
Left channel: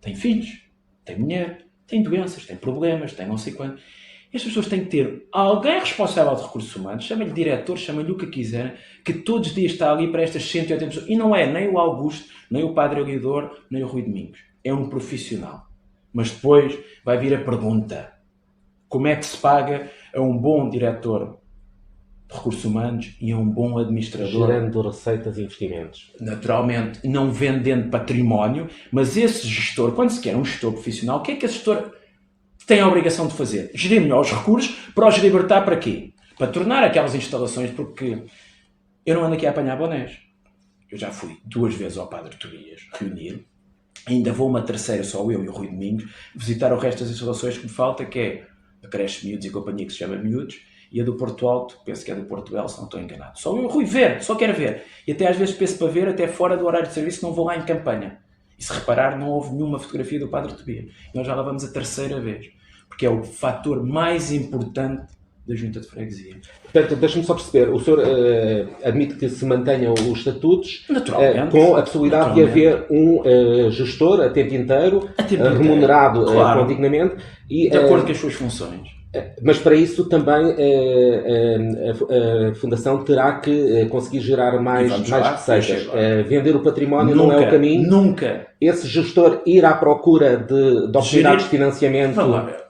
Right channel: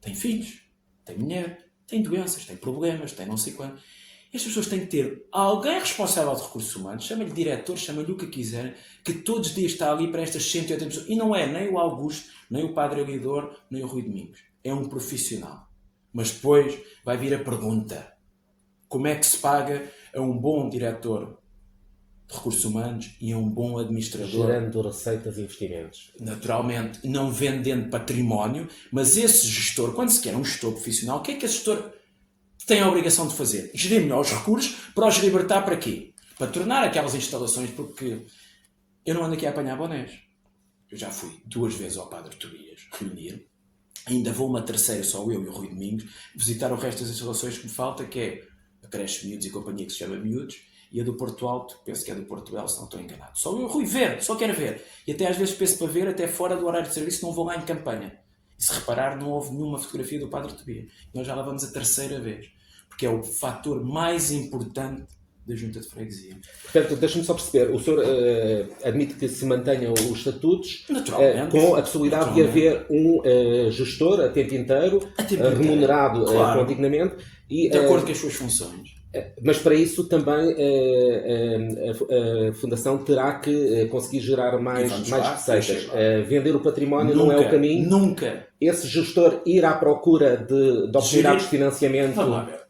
Tem filhos, tem mulher, tem doenças, tem problemas, tem não sei quanto. Estas pessoas têm que ter alguém responsável de recursos humanos, chama-lhe diretor, chama-lhe o que quiser, que todos os dias está ali para estas 180 pessoas. E não é nem o Augusto, nem o Padre Eliodoro, nem o Rui Domingos. É um profissional. Mas depois vai vir a pergunta: como é que se paga a um bom diretor de recursos humanos e a um bom administrador? Gerando receitas e investimentos. Naturalmente, não vendendo património, mas esse gestor, quando se quer um gestor profissional, o que é que esse gestor tem a obrigação de fazer? Gerir melhor os recursos, para os libertar para quê? Para tornar aquelas instalações, porque eu não ando aqui a apanhar bonés. Eu já fui 2 vezes ao Padre Tobias reunir, ainda vou uma terceira, só eu e o Rui Domingos, visitar o resto das instalações que me falta, que é a creche Miúdos e companhia, que se chama Miúdos, e a do Porto Alto, penso que é do Porto Belo, se não estou enganado. Só eu e o Rui ver, só quero ver. E até às vezes penso para ver, até fora do horário de serviço, não vou lá em campanha. E se reparar, não houve nenhuma fotografia do Padre Tobias. E nós já lá vamos a terceira vez. Porque é o fator mais importante da Junta de Freguesia. Portanto, deixa-me só perceber, o senhor admite que se mantenham os estatutos com a possibilidade de haver um gestor a tempo inteiro, remunerado dignamente. E, de acordo com as suas funções. Mas para isso também a Fundação terá que conseguir gerar mais receitas. Vender o património não é o caminho. Nunca. Esse gestor ir à procura de oportunidades de financiamento. Vamos lá ver.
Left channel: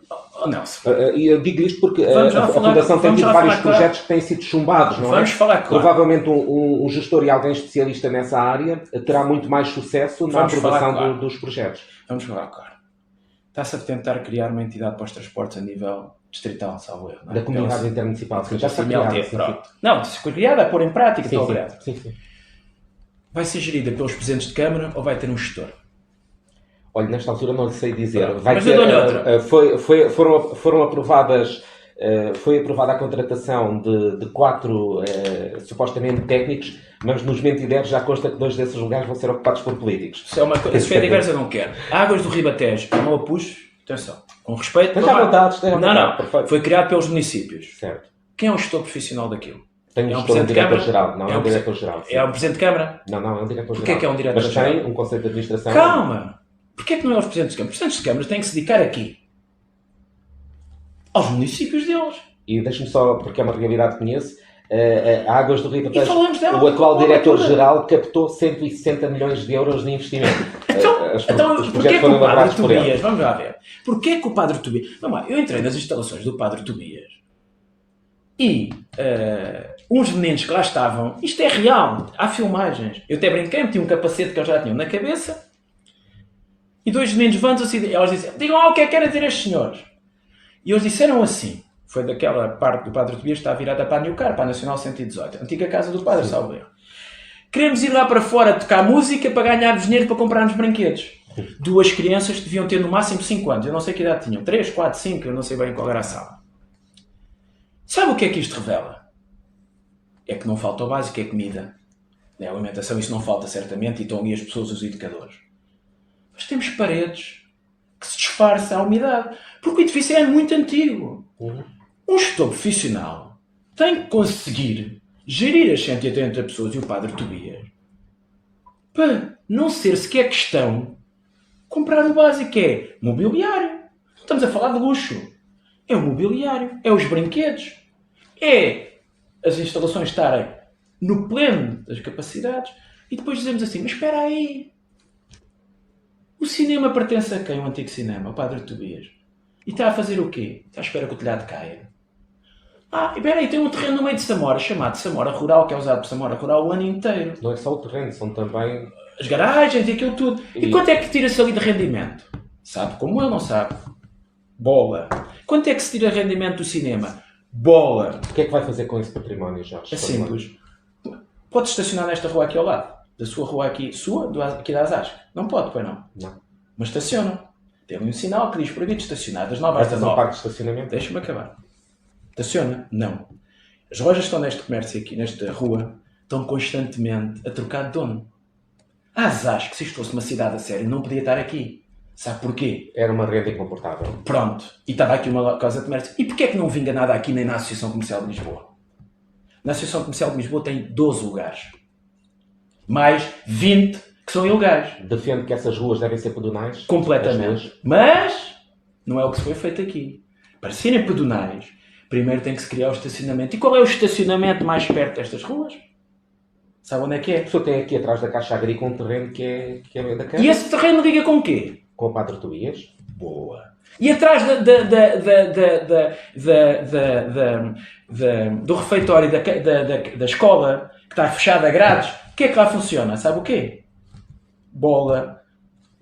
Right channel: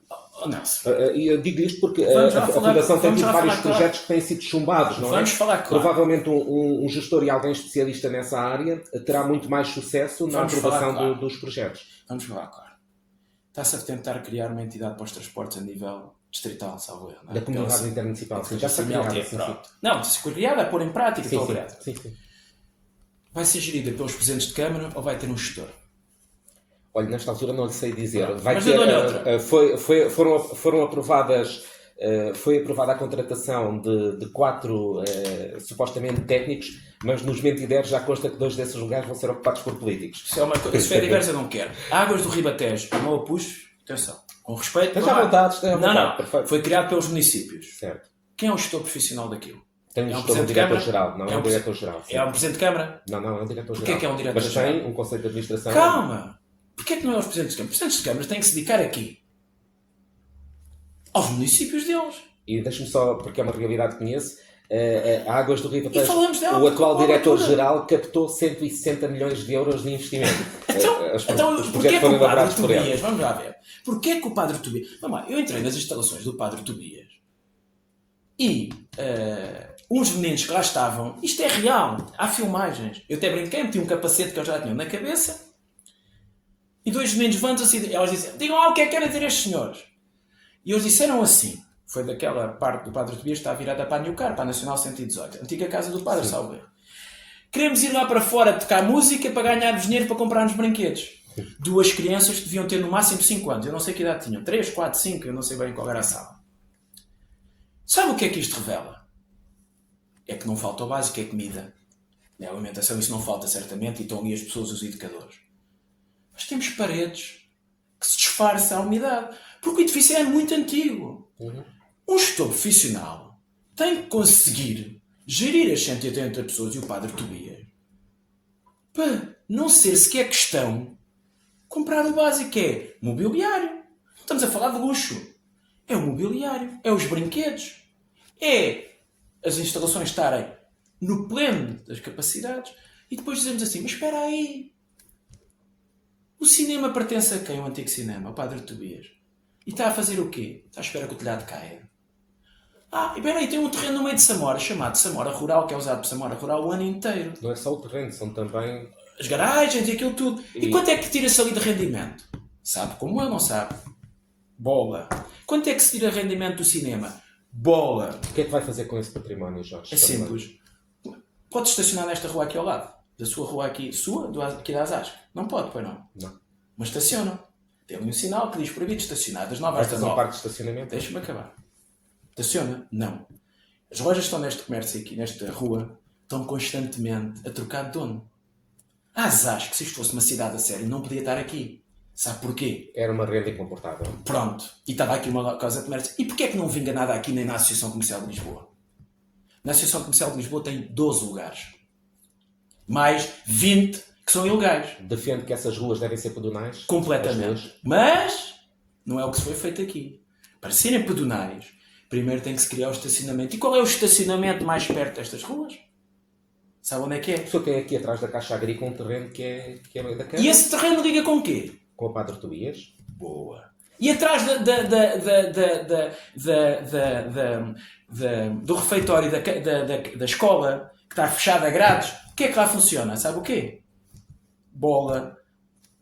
Nelson. Eu digo isto porque a Fundação tem tido vários projetos que têm sido chumbados, não é? Vamos falar claro. Provavelmente um gestor e alguém especialista nessa área terá muito mais sucesso na aprovação dos projetos. Vamos falar claro. Está-se a tentar criar uma entidade para os transportes a nível distrital, salvo erro. Da comunidade intermunicipal. Já está criada. Não, se for criada, a pôr em prática, estou criada. Vai ser gerida pelos presidentes de Câmara ou vai ter um gestor? Olha, nesta altura não lhe sei dizer. Mas eu dou-lhe outra. Foram aprovadas, foi aprovada a contratação de 4 supostamente técnicos, mas nos mentideros já consta que 2 desses lugares vão ser ocupados por políticos. Se for diversa, eu não quero. Águas do Ribatejo, eu não a puxo. Atenção, com respeito. Esteja à vontade. Não. Perfeito. Foi criado pelos municípios. Certo. Quem é o gestor profissional daquilo? Tem um presidente de Câmara? Geral. Não, é um diretor-geral. É um presidente de Câmara? Não, é um diretor-geral. Porquê é que é um diretor-geral? Mas tem um conselho de administração. Calma! Porquê que não é os presidentes de Câmara? Os presidentes de Câmara têm que se dedicar aqui aos municípios deles. E deixe-me só, porque é uma realidade que conheço, a Águas do Ribatejo, o atual diretor-geral captou 160 milhões de euros de investimento. Então porquê que o Padre Tobias, vamos lá ver, porquê que o Padre Tobias, vamos lá, eu entrei nas instalações do Padre Tobias e uns meninos que lá estavam, isto é real, há filmagens, eu até brinquei, meti um capacete que eu já tinha na cabeça e 2 meninos levantam-se e elas dizem, digam lá o que é que querem dizer estes senhores. E eles disseram assim, foi daquela parte do Padre Tobias que está virada para a New Car, para a Nacional 118, a antiga casa do Padre Salveiro. Queremos ir lá para fora tocar música para ganharmos dinheiro para comprarmos brinquedos. 2 crianças deviam ter no máximo 5 anos. Eu não sei que idade tinham. 3, 4, 5, eu não sei bem qual era a sala. Sabe o que é que isto revela? É que não falta o básico, é comida. A alimentação, isso não falta certamente, e estão ali as pessoas, os educadores. Mas temos paredes que se disfarça a umidade. Porque o edifício é muito antigo. Um gestor profissional tem que conseguir gerir as 180 pessoas e o Padre Tobias para não ser sequer questão comprar o básico, que é mobiliário. Não estamos a falar de luxo. É o mobiliário, é os brinquedos, é as instalações estarem no pleno das capacidades. E depois dizemos assim, mas espera aí, o cinema pertence a quem? O antigo cinema, o Padre Tobias. E está a fazer o quê? Está à espera que o telhado caia. Espera aí, tem um terreno no meio de Samora, chamado Samora Rural, que é usado por Samora Rural o ano inteiro. Não é só o terreno, são também... as garagens e aquilo tudo. E quanto é que tira-se ali de rendimento? Sabe como eu, não sabe? Bola. Quanto é que se tira de rendimento do cinema? Bola. O que é que vai fazer com esse património, Jorge? É simples. Pode estacionar nesta rua aqui ao lado. Da sua rua aqui, aqui da Asasco. Não pode, pois não? Não. Mas estaciona. Tem ali um sinal que diz proibido estacionar das 9 Vai às fazer um 19. parque de estacionamento? Deixa-me acabar. Estaciona? Não. As lojas que estão neste comércio aqui, nesta rua, estão constantemente a trocar de dono. Asasco, se isto fosse uma cidade a sério, não podia estar aqui. Sabe porquê? Era uma renda incomportável. Pronto. E estava aqui uma casa de comércio. E porquê é que não vinga nada aqui nem na Associação Comercial de Lisboa? Na Associação Comercial de Lisboa tem 12 lugares. Mais 20 que são ilegais. Defende que essas ruas devem ser pedonais? Completamente. Mas não é o que se foi feito aqui. Para serem pedonais, primeiro tem que se criar o estacionamento. E qual é o estacionamento mais perto destas ruas? Sabe onde é que A é? pessoa tem aqui atrás da Caixa Agrícola um terreno que é da Câmara. E esse terreno liga com o quê? Com o Padre Tobias. Boa. E atrás do refeitório da escola, que está fechada a grades, o que é que lá funciona? Sabe o quê? Bola,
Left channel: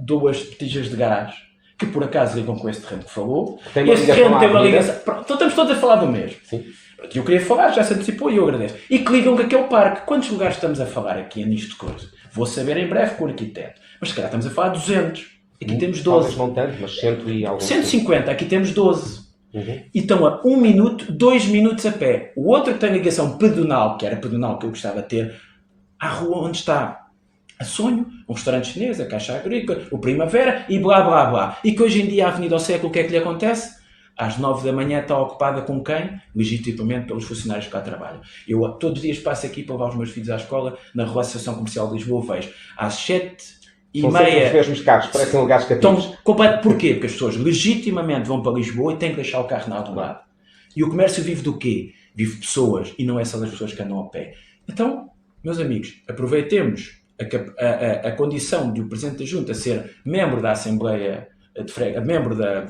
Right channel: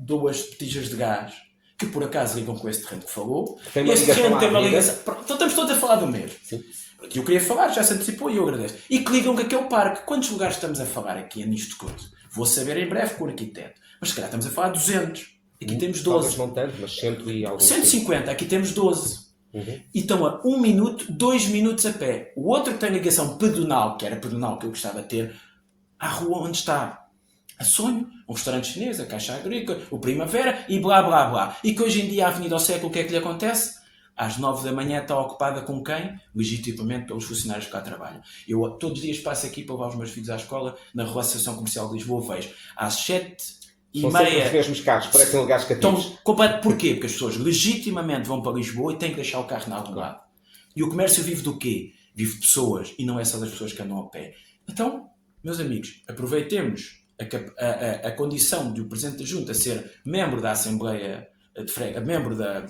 2 botijas de gás, que por acaso ligam com esse terreno que falou. Tem uma Esse ligação terreno à tem uma avenida. ligação. Pronto, então estamos todos a falar do mesmo. Sim. Eu queria falar, já se antecipou e eu agradeço. E que ligam com aquele parque. Quantos lugares estamos a falar aqui nisto de coisa? Vou saber em breve com o arquiteto. Mas se calhar estamos a falar de 200. Aqui temos 12. Talvez não tanto, mas 100 e alguns. 150, aqui temos 12. Uhum. E estão a 1 minuto, 2 minutos a pé. O outro que tem ligação pedonal, que era pedonal que eu gostava de ter, à rua onde está a Sonho, um restaurante chinês, a Caixa Agrícola, o Primavera e blá blá blá. E que hoje em dia a Avenida ao Século, o que é que lhe acontece? Às 9 da manhã está ocupada com quem? Legitimamente pelos funcionários que cá trabalham. Eu todos os dias passo aqui para levar os meus filhos à escola, na Rua Associação Comercial de Lisboa, vejo às 7h30. São sempre os mesmos carros, parecem lugares cativos. Porquê? Porque as pessoas legitimamente vão para Lisboa e têm que deixar o carro na algum lado. E o comércio vive do quê? Vive de pessoas, e não é só das pessoas que andam a pé. Então, meus amigos, aproveitemos a condição de o Presidente da Junta ser membro da Assembleia de Freguesia, membro da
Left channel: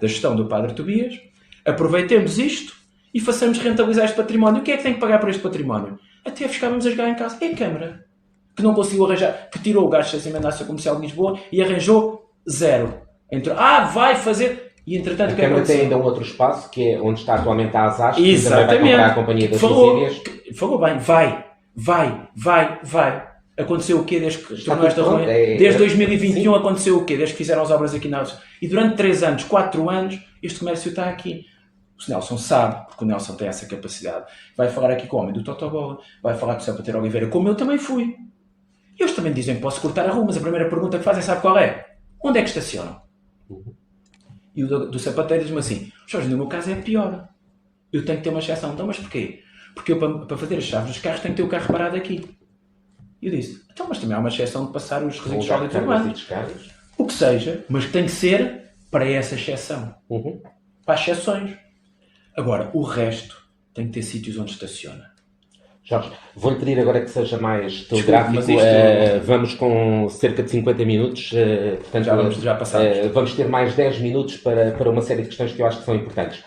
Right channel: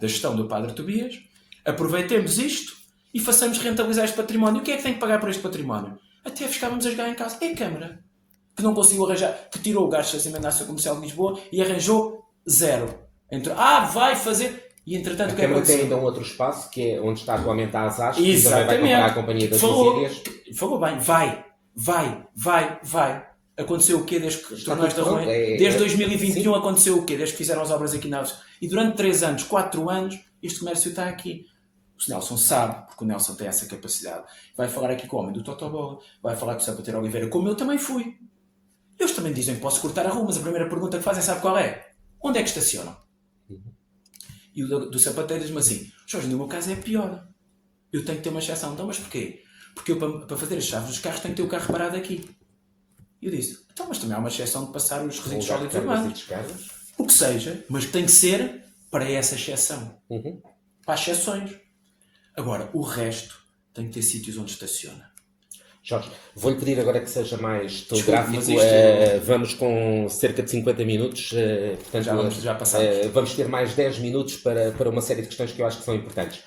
gestão do Padre Tobias, aproveitemos isto e façamos rentabilizar este património. O que é que tem que pagar por este património? Até ficávamos a jogar em casa. É a Câmara, que não conseguiu arranjar, que tirou o gasto de estacionamento da Associação Comercial de Lisboa e arranjou 0. Entrou, vai fazer... E entretanto, o que é que Câmara tem aconteceu? ainda um outro espaço, que é onde está atualmente a Asas, que também vai Exatamente. comprar a Companhia das Visílias. Falou bem. Vai. Aconteceu o quê desde que Está tornou esta tudo rua? pronto. Desde 2021 sim. aconteceu o quê? Desde que fizeram as obras aqui na Alves. E durante 3 anos, 4 anos, este comércio está aqui. O Nelson sabe, porque o Nelson tem essa capacidade. Vai falar aqui com o homem do Totobola, vai falar com o Sapateiro Oliveira, como eu também fui. Eles também dizem que posso cortar a rua, mas a primeira pergunta que fazem, sabe qual é? Onde é que estacionam? E o do Sapateiro diz-me assim, Jorge, no meu caso é pior. Eu tenho que ter uma exceção. Então, mas porquê? Porque eu, para fazer as chaves dos carros, tenho que ter o carro parado aqui. E eu disse, então, mas também há uma exceção de passar os resíduos sólidos urbanos. O que seja, mas que tem que ser para essa exceção. Para as exceções. Agora, o resto tem que ter sítios onde estaciona. Jorge, vou-lhe pedir agora que seja mais telegráfico. Vamos com cerca de 50 minutos. Portanto, Já passamos. Vamos ter mais 10 minutos para uma série de questões que eu acho que são importantes.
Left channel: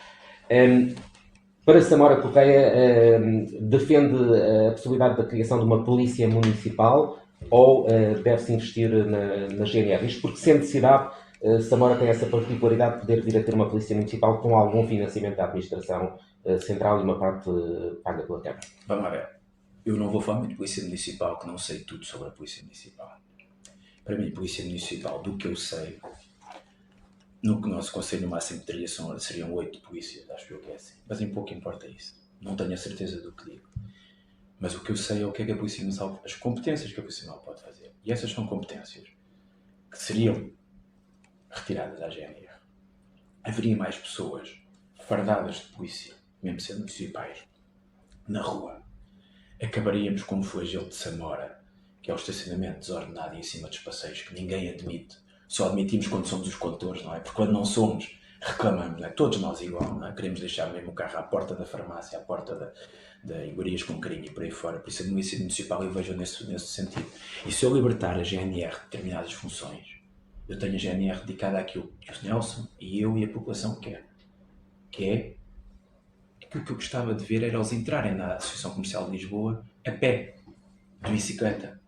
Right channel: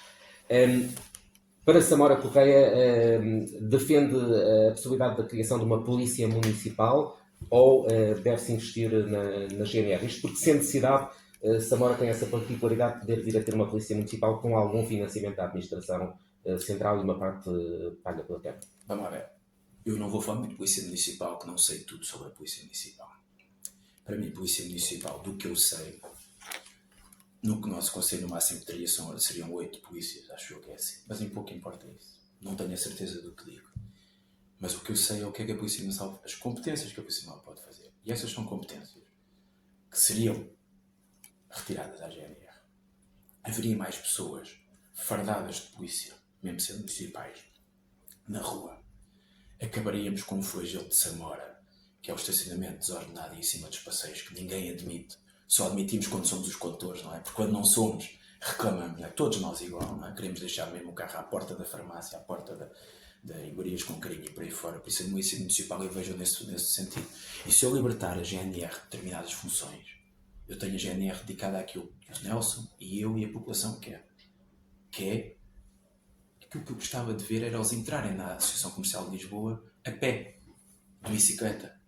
Para Samora Correia, defende a possibilidade da criação de uma polícia municipal ou deve-se investir na GNR? Isto porque se a necessidade Samora tem essa particularidade de poder vir a ter uma polícia municipal com algum financiamento da administração central e uma parte paga pela Câmara. Vamos lá ver. Eu não vou falar muito de polícia municipal, que não sei tudo sobre a polícia municipal. Para mim, polícia municipal, do que eu sei, no que nosso conselho no máximo teria seriam 8 polícias, acho eu que é assim. Mas em pouco importa isso. Não tenho a certeza do que digo. Mas o que eu sei é o que é que a polícia municipal, as competências que a polícia municipal pode fazer. E essas são competências que seriam retiradas à GNR. Haveria mais pessoas fardadas de polícia, mesmo sendo municipais, na rua. Acabaríamos com o flagelo de Samora, que é o estacionamento desordenado em cima dos passeios, que ninguém admite. Só admitimos quando somos os condutores, não é? Porque quando não somos, reclamamos, não é? Todos nós igual, não é? Queremos deixar mesmo o carro à porta da farmácia, à porta da iguarias com carinho e por aí fora. Por isso a polícia municipal eu vejo nesse sentido. E se eu libertar a GNR de determinadas funções, eu tenho a GNR dedicada àquilo que o Nelson e eu e a população quer. Que é aquilo que eu gostava de ver era eles entrarem na Associação Comercial de Lisboa a pé, de bicicleta,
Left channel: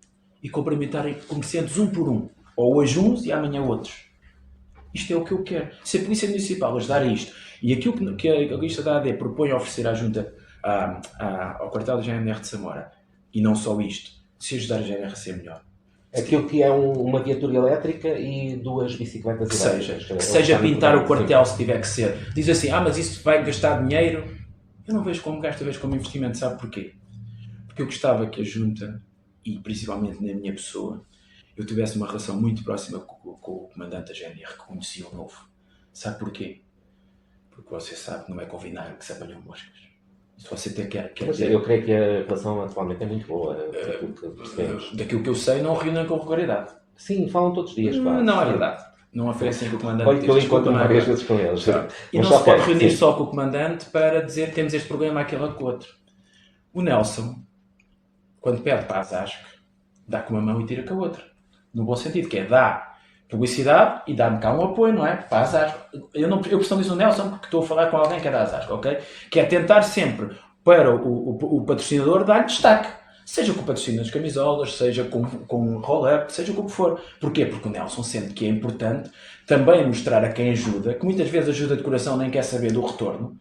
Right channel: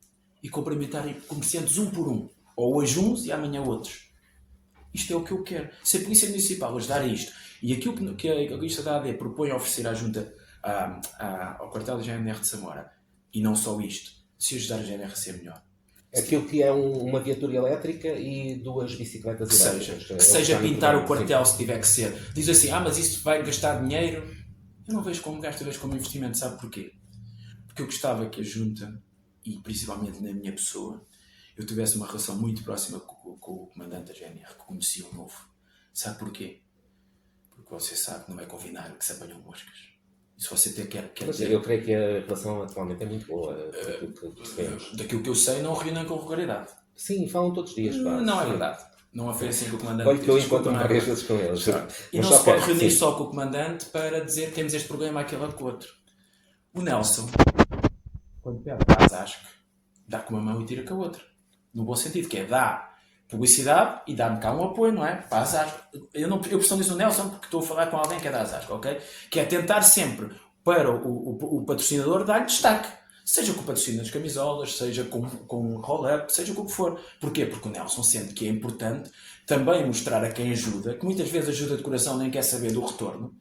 e cumprimentarem comerciantes um por um, ou hoje uns e amanhã outros. Isto é o que eu quero. Se a Polícia Municipal ajudar a isto, e aquilo que a lista da AD propõe oferecer à Junta, ao quartel da GNR de Samora, e não só isto, se ajudar a GNR a ser melhor. Aquilo que é uma viatura elétrica e 2 bicicletas elétricas. Que seja pintar o quartel se tiver que ser. Diz assim, mas isso vai gastar dinheiro. Eu não vejo como gasto, eu vejo como investimento. Sabe porquê? Porque eu gostava que a Junta, e principalmente na minha pessoa, eu tivesse uma relação muito próxima com o comandante da GNR, que conhecia o novo. Sabe porquê? Porque você sabe que não é com vinagre que se apanham moscas. Se você quer dizer... Eu creio que a relação atualmente é muito boa. Daquilo que eu sei, não reúnem com regularidade. Sim, falam todos os dias. Quase. Não é verdade. Não oferecem que o comandante... Olha que eu encontro várias vezes com eles. E não se pode reunir só com o comandante para dizer que temos este problema, aquele ou com o outro. O Nelson, quando pede para a Zasc, dá com uma mão e tira com a outra. No bom sentido, que é dá publicidade e dá-me cá um apoio, não é? Para a Zasc. Eu personalizo o Nelson porque estou a falar com alguém que é da Zasc, ok? Que é tentar sempre para o patrocinador dar destaque. Seja com o patrocínio das camisolas, seja com roll-up, seja como for. Porquê? Porque o Nelson sente que é importante também mostrar a quem ajuda, que muitas vezes ajuda de coração nem quer saber do retorno,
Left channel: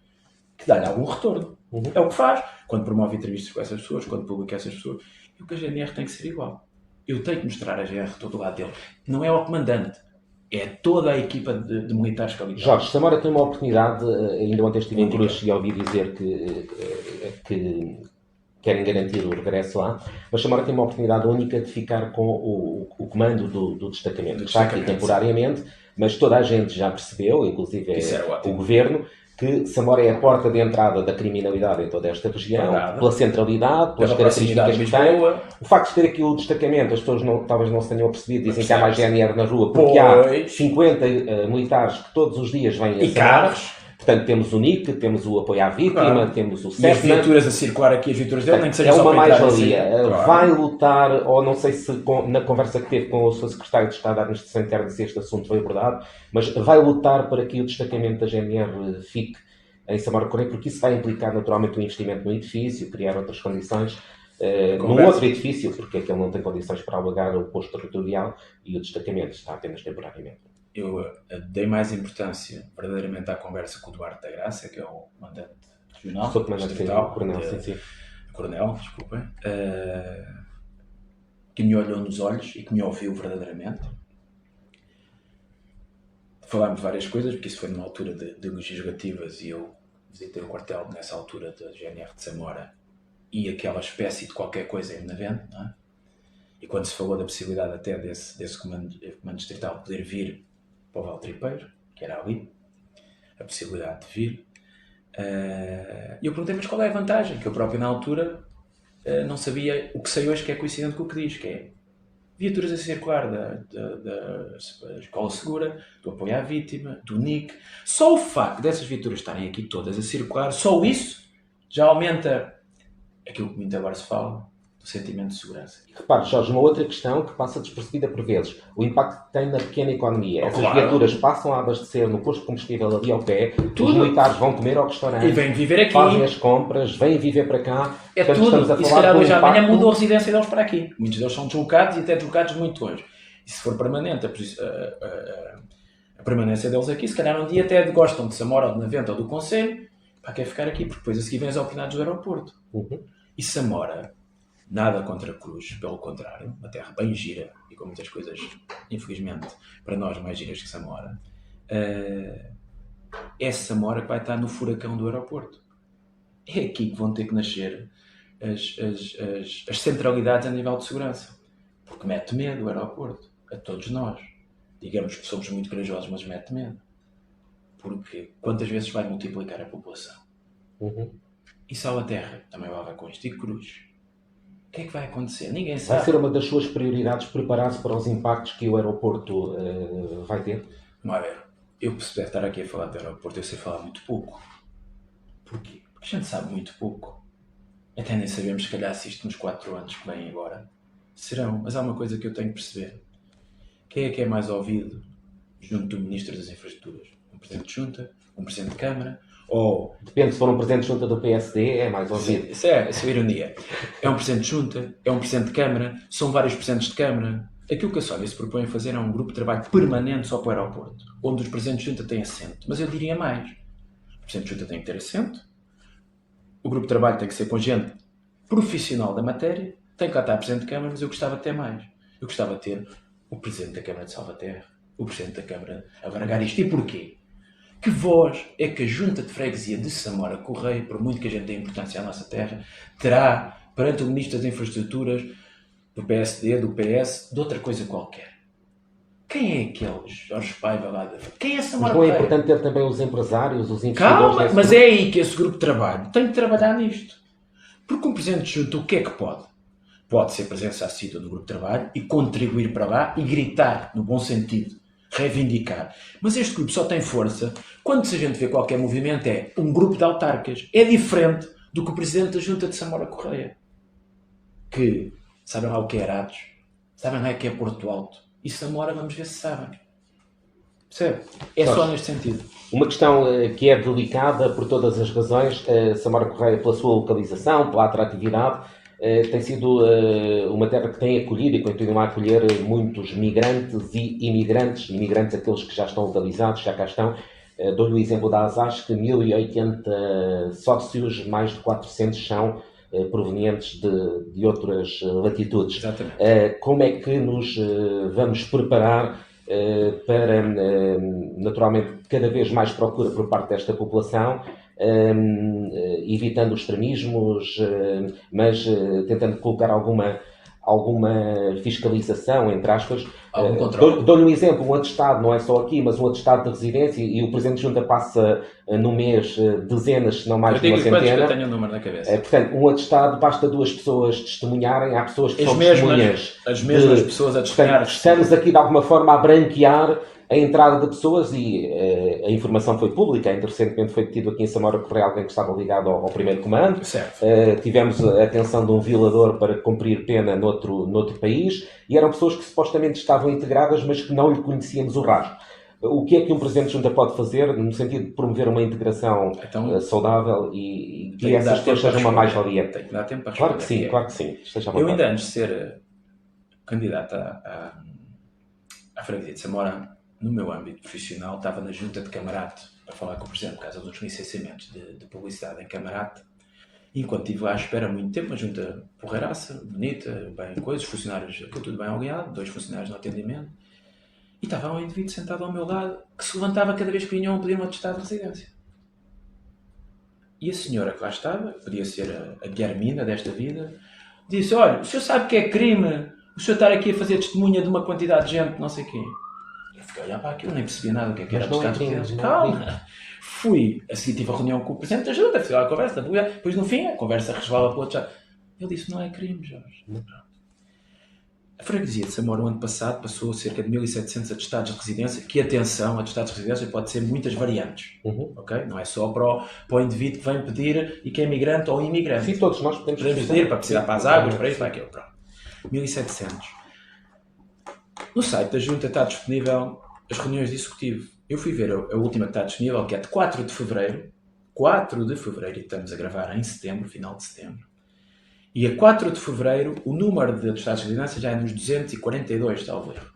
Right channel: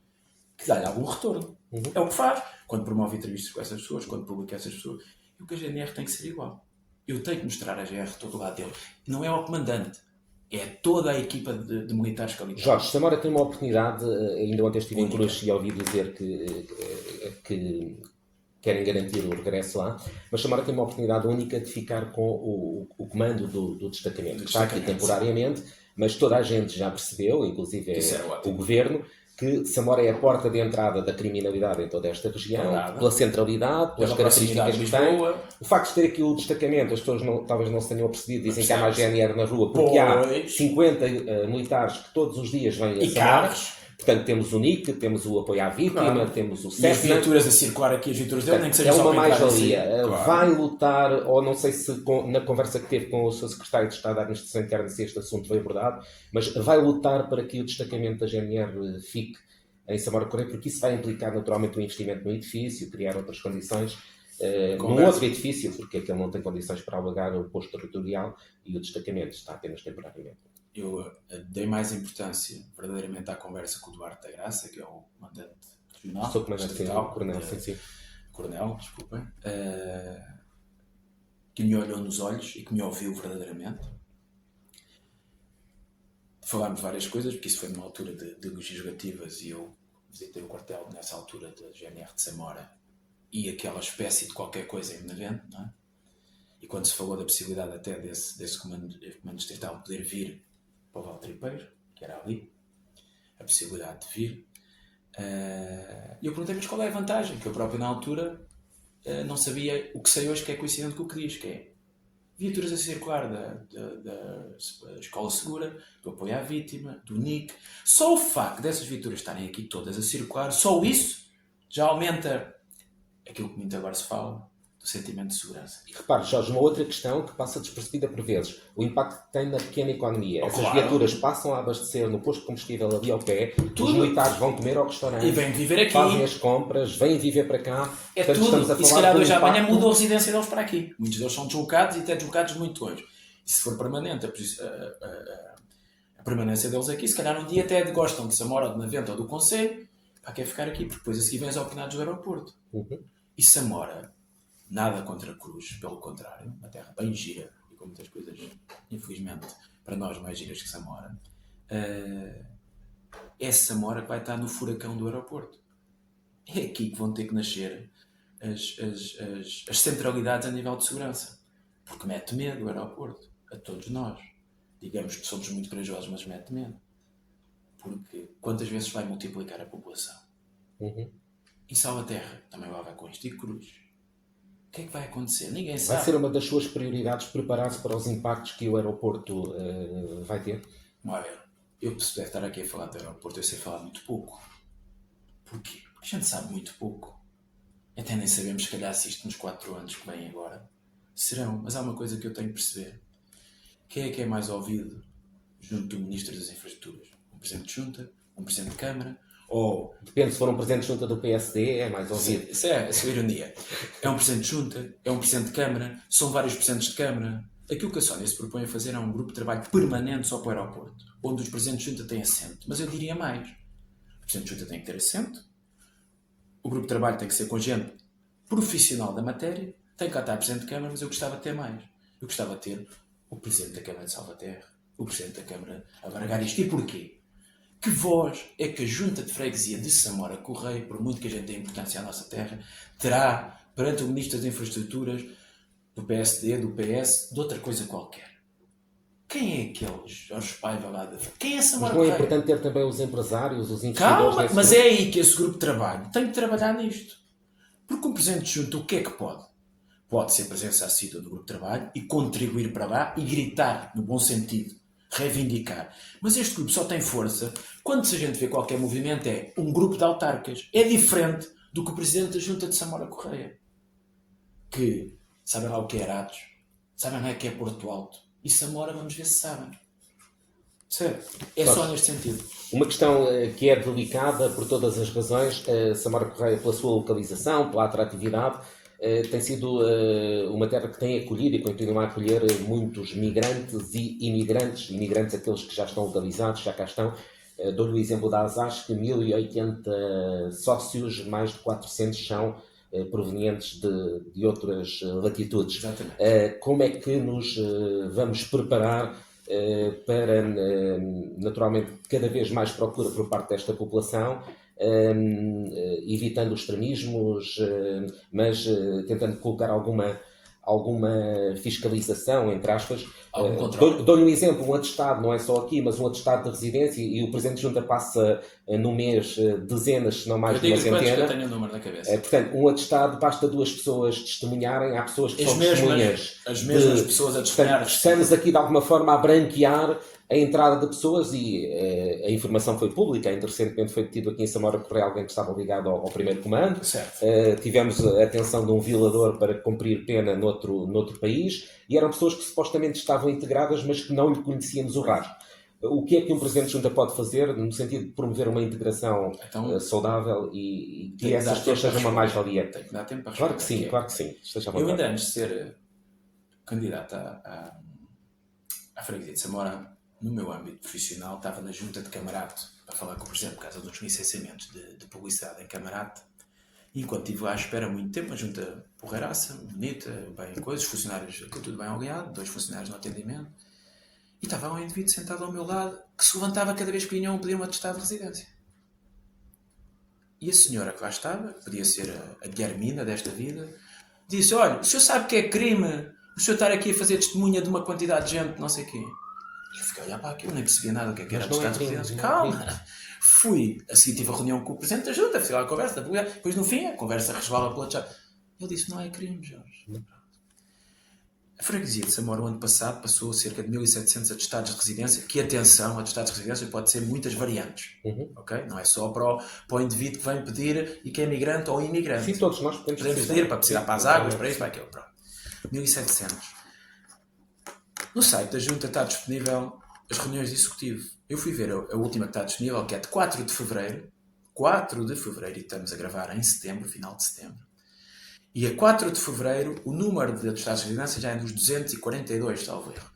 que dá-lhe algum retorno. É o que faz. Quando promove entrevistas com essas pessoas, quando publica essas pessoas. E o que a GNR tem que ser igual. Eu tenho que mostrar a GNR todo o lado dele. Não é ao comandante. É toda a equipa de militares que ali está. Jorge, Samora tem uma oportunidade, ainda ontem estive em Cruz e ouvi dizer que querem garantir o regresso lá, mas Samora tem uma oportunidade única de ficar com o comando do destacamento. Está aqui temporariamente, mas toda a gente já percebeu, inclusive o governo, que Samora é a porta de entrada da criminalidade em toda esta região, pela centralidade, pelas características que tem. O facto de ter aqui o destacamento, as pessoas talvez não se tenham percebido, dizem que há mais GNR na rua, porque há 50 militares que todos os dias vêm a carros. Portanto, temos o NIC, temos o apoio à vítima, temos o CEPNA. E as viaturas a circular aqui, as viaturas dele, nem que seja é só uma mais-valia. Vai lutar, ou não sei se na conversa que teve com o seu secretário de Estado da Administração Interna se este assunto foi abordado, mas vai lutar para que o destacamento da GNR fique em Samora Correia, porque isso vai implicar naturalmente um investimento no edifício, criar outras condições, num outro edifício, porque aquele não tem condições para alugar o posto territorial e o destacamento está apenas temporariamente. Eu dei mais importância verdadeiramente à conversa com o Duarte da Graça, que é o comandante regional. Sou comandante regional, coronel, sim. Coronel, desculpem. Que me olhou nos olhos e que me ouviu verdadeiramente. Falámos de várias coisas, porque isso foi numa altura de legislativas e eu visitei o quartel nessa altura da GNR de Samora e aquela espécie de qualquer coisa em Benavente, não é? E quando se falou da possibilidade até desse comando distrital poder vir para o Valtripeiro, que era ali, a possibilidade de vir, e eu perguntei, mas qual é a vantagem? Que eu próprio na altura não sabia o que sei hoje, que é coincidente com o que diz, que é viaturas a circular da Escola Segura, do apoio à vítima, do NIC. Só o facto dessas viaturas estarem aqui todas a circular, só isso já aumenta aquilo que muito agora se fala, do sentimento de segurança. E repare, Jorge, uma outra questão que passa despercebida por vezes, o impacto que tem na pequena economia. Essas viaturas passam a abastecer no posto de combustível ali ao pé, os militares vão comer ao restaurante, e vêm viver aqui, fazem as compras, vêm viver para cá. É portanto, tudo, e se calhar hoje amanhã mudou a residência deles para aqui. Muitos deles são deslocados e até deslocados muito longe. E se for permanente, a permanência deles aqui. Se calhar um dia até gostam de Samora ou de Navente ou do Conselho, pá, quer ficar aqui, porque depois a seguir vêm as oportunidades do aeroporto. E Samora, nada contra a Cruz, pelo contrário, uma terra bem gira e com muitas coisas, infelizmente, para nós mais giras que Samora. É Samora que vai estar no furacão do aeroporto. É aqui que vão ter que nascer as centralidades a nível de segurança. Porque mete medo o aeroporto, a todos nós. Digamos que somos muito corajosos, mas mete medo. Porque quantas vezes vai multiplicar a população? E Salvaterra também vai levar com isto. E Cruz. O que é que vai acontecer? Ninguém sabe. Vai ser uma das suas prioridades preparar-se para os impactos que o aeroporto vai ter? Não é? Eu percebo estar aqui a falar do aeroporto, eu sei falar muito pouco. Porquê? Porque a gente sabe muito pouco. Até nem sabemos, se calhar, se isto nos 4 anos que vêm agora serão. Mas há uma coisa que eu tenho que perceber. Quem é que é mais ouvido junto do Ministro das Infraestruturas? Um Presidente de Junta? Um Presidente de Câmara? Ou... Depende, se for um Presidente de Junta do PSD, é mais ouvido. Isso é ironia. É um Presidente de Junta? É um Presidente de Câmara? São vários Presidentes de Câmara? Aquilo que a Sónia se propõe a fazer é um grupo de trabalho permanente só para o aeroporto, onde os Presidentes de Junta têm assento. Mas eu diria mais. O Presidente de Junta tem que ter assento, o grupo de trabalho tem que ser com gente profissional da matéria, tem que lá estar Presidente de Câmara, mas eu gostava de ter mais. Eu gostava de ter o Presidente da Câmara de Salvaterra, o Presidente da Câmara a baralhar isto. E porquê? Que voz é que a Junta de Freguesia de Samora Correia, por muito que a gente tenha importância à nossa terra, terá perante o Ministro das Infraestruturas, do PSD, do PS, de outra coisa qualquer? Quem é aqueles Jorge Paiva lá da... Quem é Samora Mas não é Correia? importante ter também os empresários, os investidores... Calma, mas é aí que esse grupo de trabalho tem que trabalhar nisto. Porque um Presidente de Junta, o que é que pode? Pode ser presença assídua no grupo de trabalho e contribuir para lá e gritar, no bom sentido, reivindicar. Mas este grupo só tem força quando, se a gente vê qualquer movimento, é um grupo de autarcas. É diferente do que o Presidente da Junta de Samora Correia. Que sabem lá o que é Arados, sabem lá o que é Porto Alto. E Samora, vamos ver se sabem. Percebe? É só neste sentido. Uma questão que é delicada por todas as razões, Samora Correia, pela sua localização, pela atratividade, tem sido uma terra que tem acolhido e continua a acolher muitos migrantes e imigrantes aqueles que já estão localizados, já cá estão. Dou-lhe o exemplo da Azaz, que 1080 sócios, mais de 400 são provenientes de outras latitudes. Exatamente. Como é que nos vamos preparar para, naturalmente, cada vez mais procura por parte desta população, evitando os extremismos, mas tentando colocar alguma fiscalização, entre aspas. Algum controle. Dou-lhe um exemplo, um atestado, não é só aqui, mas um atestado de residência, e o Presidente de Junta passa no mês dezenas, se não mais de uma centena. Eu tenho o número na cabeça. Portanto, um atestado, basta 2 pessoas testemunharem, há pessoas que As são mesmas, testemunhas. as mesmas pessoas a testemunhar. Portanto, estamos aqui de alguma forma a branquear a entrada de pessoas e a informação foi pública. Ainda recentemente foi detido aqui em Samora Correia alguém que estava ligado ao primeiro comando. Certo. Tivemos a atenção de um violador para cumprir pena noutro país e eram pessoas que supostamente estavam integradas, mas que não lhe conhecíamos o rastro. O que é que um Presidente de Junta pode fazer no sentido de promover uma integração saudável e que essas pessoas sejam uma mais-valia? Tem que dar tempo para Claro que sim, claro que sim. Eu ainda antes de ser candidato à freguesia de Samora, no meu âmbito profissional, estava na junta de Camarate para falar com o Presidente por causa dos licenciamentos de publicidade em Camarate. E enquanto estive lá à espera muito tempo, uma junta porreiraça, bonita, bem coisas, funcionários, aquilo tudo bem oleado, 2 funcionários no atendimento. E estava um indivíduo sentado ao meu lado que se levantava cada vez que vinham pedir um atestado de residência. E a senhora que lá estava, podia ser a Guilhermina desta vida, disse: olha, o senhor sabe que é crime o senhor estar aqui a fazer testemunha de uma quantidade de gente, não sei quê. E eu fiquei a olhar para aquilo, nem percebia nada o que era atestado de residência. Calma! Fui, a seguir tive a reunião com o Presidente da Junta, fiz lá a conversa, depois no fim a conversa resvala para o outro. Ele disse: não é crime, Jorge. A freguesia de Samora, o ano passado, passou cerca de 1.700 atestados de residência, que, atenção, atestados de residência pode ser muitas variantes, ok? Não é só para o indivíduo que vem pedir e que é migrante ou imigrante. Sim, todos nós podemos pedir para precisar para as águas, para isso, para aquilo, pronto. 1.700. No site da Junta está disponível as reuniões de executivo. Eu fui ver a última que está disponível, que é de 4 de fevereiro, e estamos a gravar em setembro, final de setembro. E a 4 de fevereiro, o número de atestados de residência já é nos 242, salvo erro.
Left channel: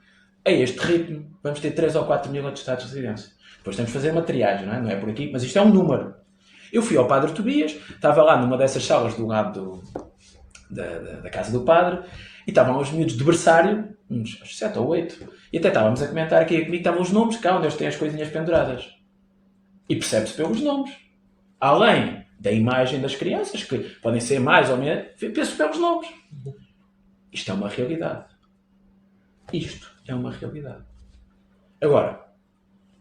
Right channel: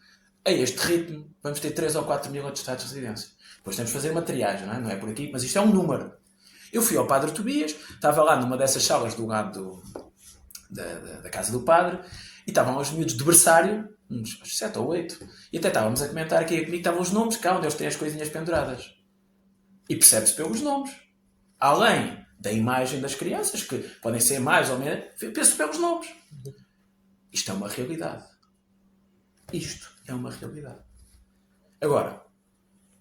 a este ritmo, vamos ter 3 ou 4 mil atestados de residência. Depois temos de fazer materiais, não é por aqui, mas isto é um número. Eu fui ao Padre Tobias, estava lá numa dessas salas do lado da casa do padre, e estavam os miúdos de berçário, uns 7 ou 8, e até estávamos a comentar aqui comigo que estavam os nomes, cá onde eles têm as coisinhas penduradas. E percebe-se pelos nomes. Além da imagem das crianças, que podem ser mais ou menos, penso pelos nomes. Isto é uma realidade. Isto é uma realidade. Agora,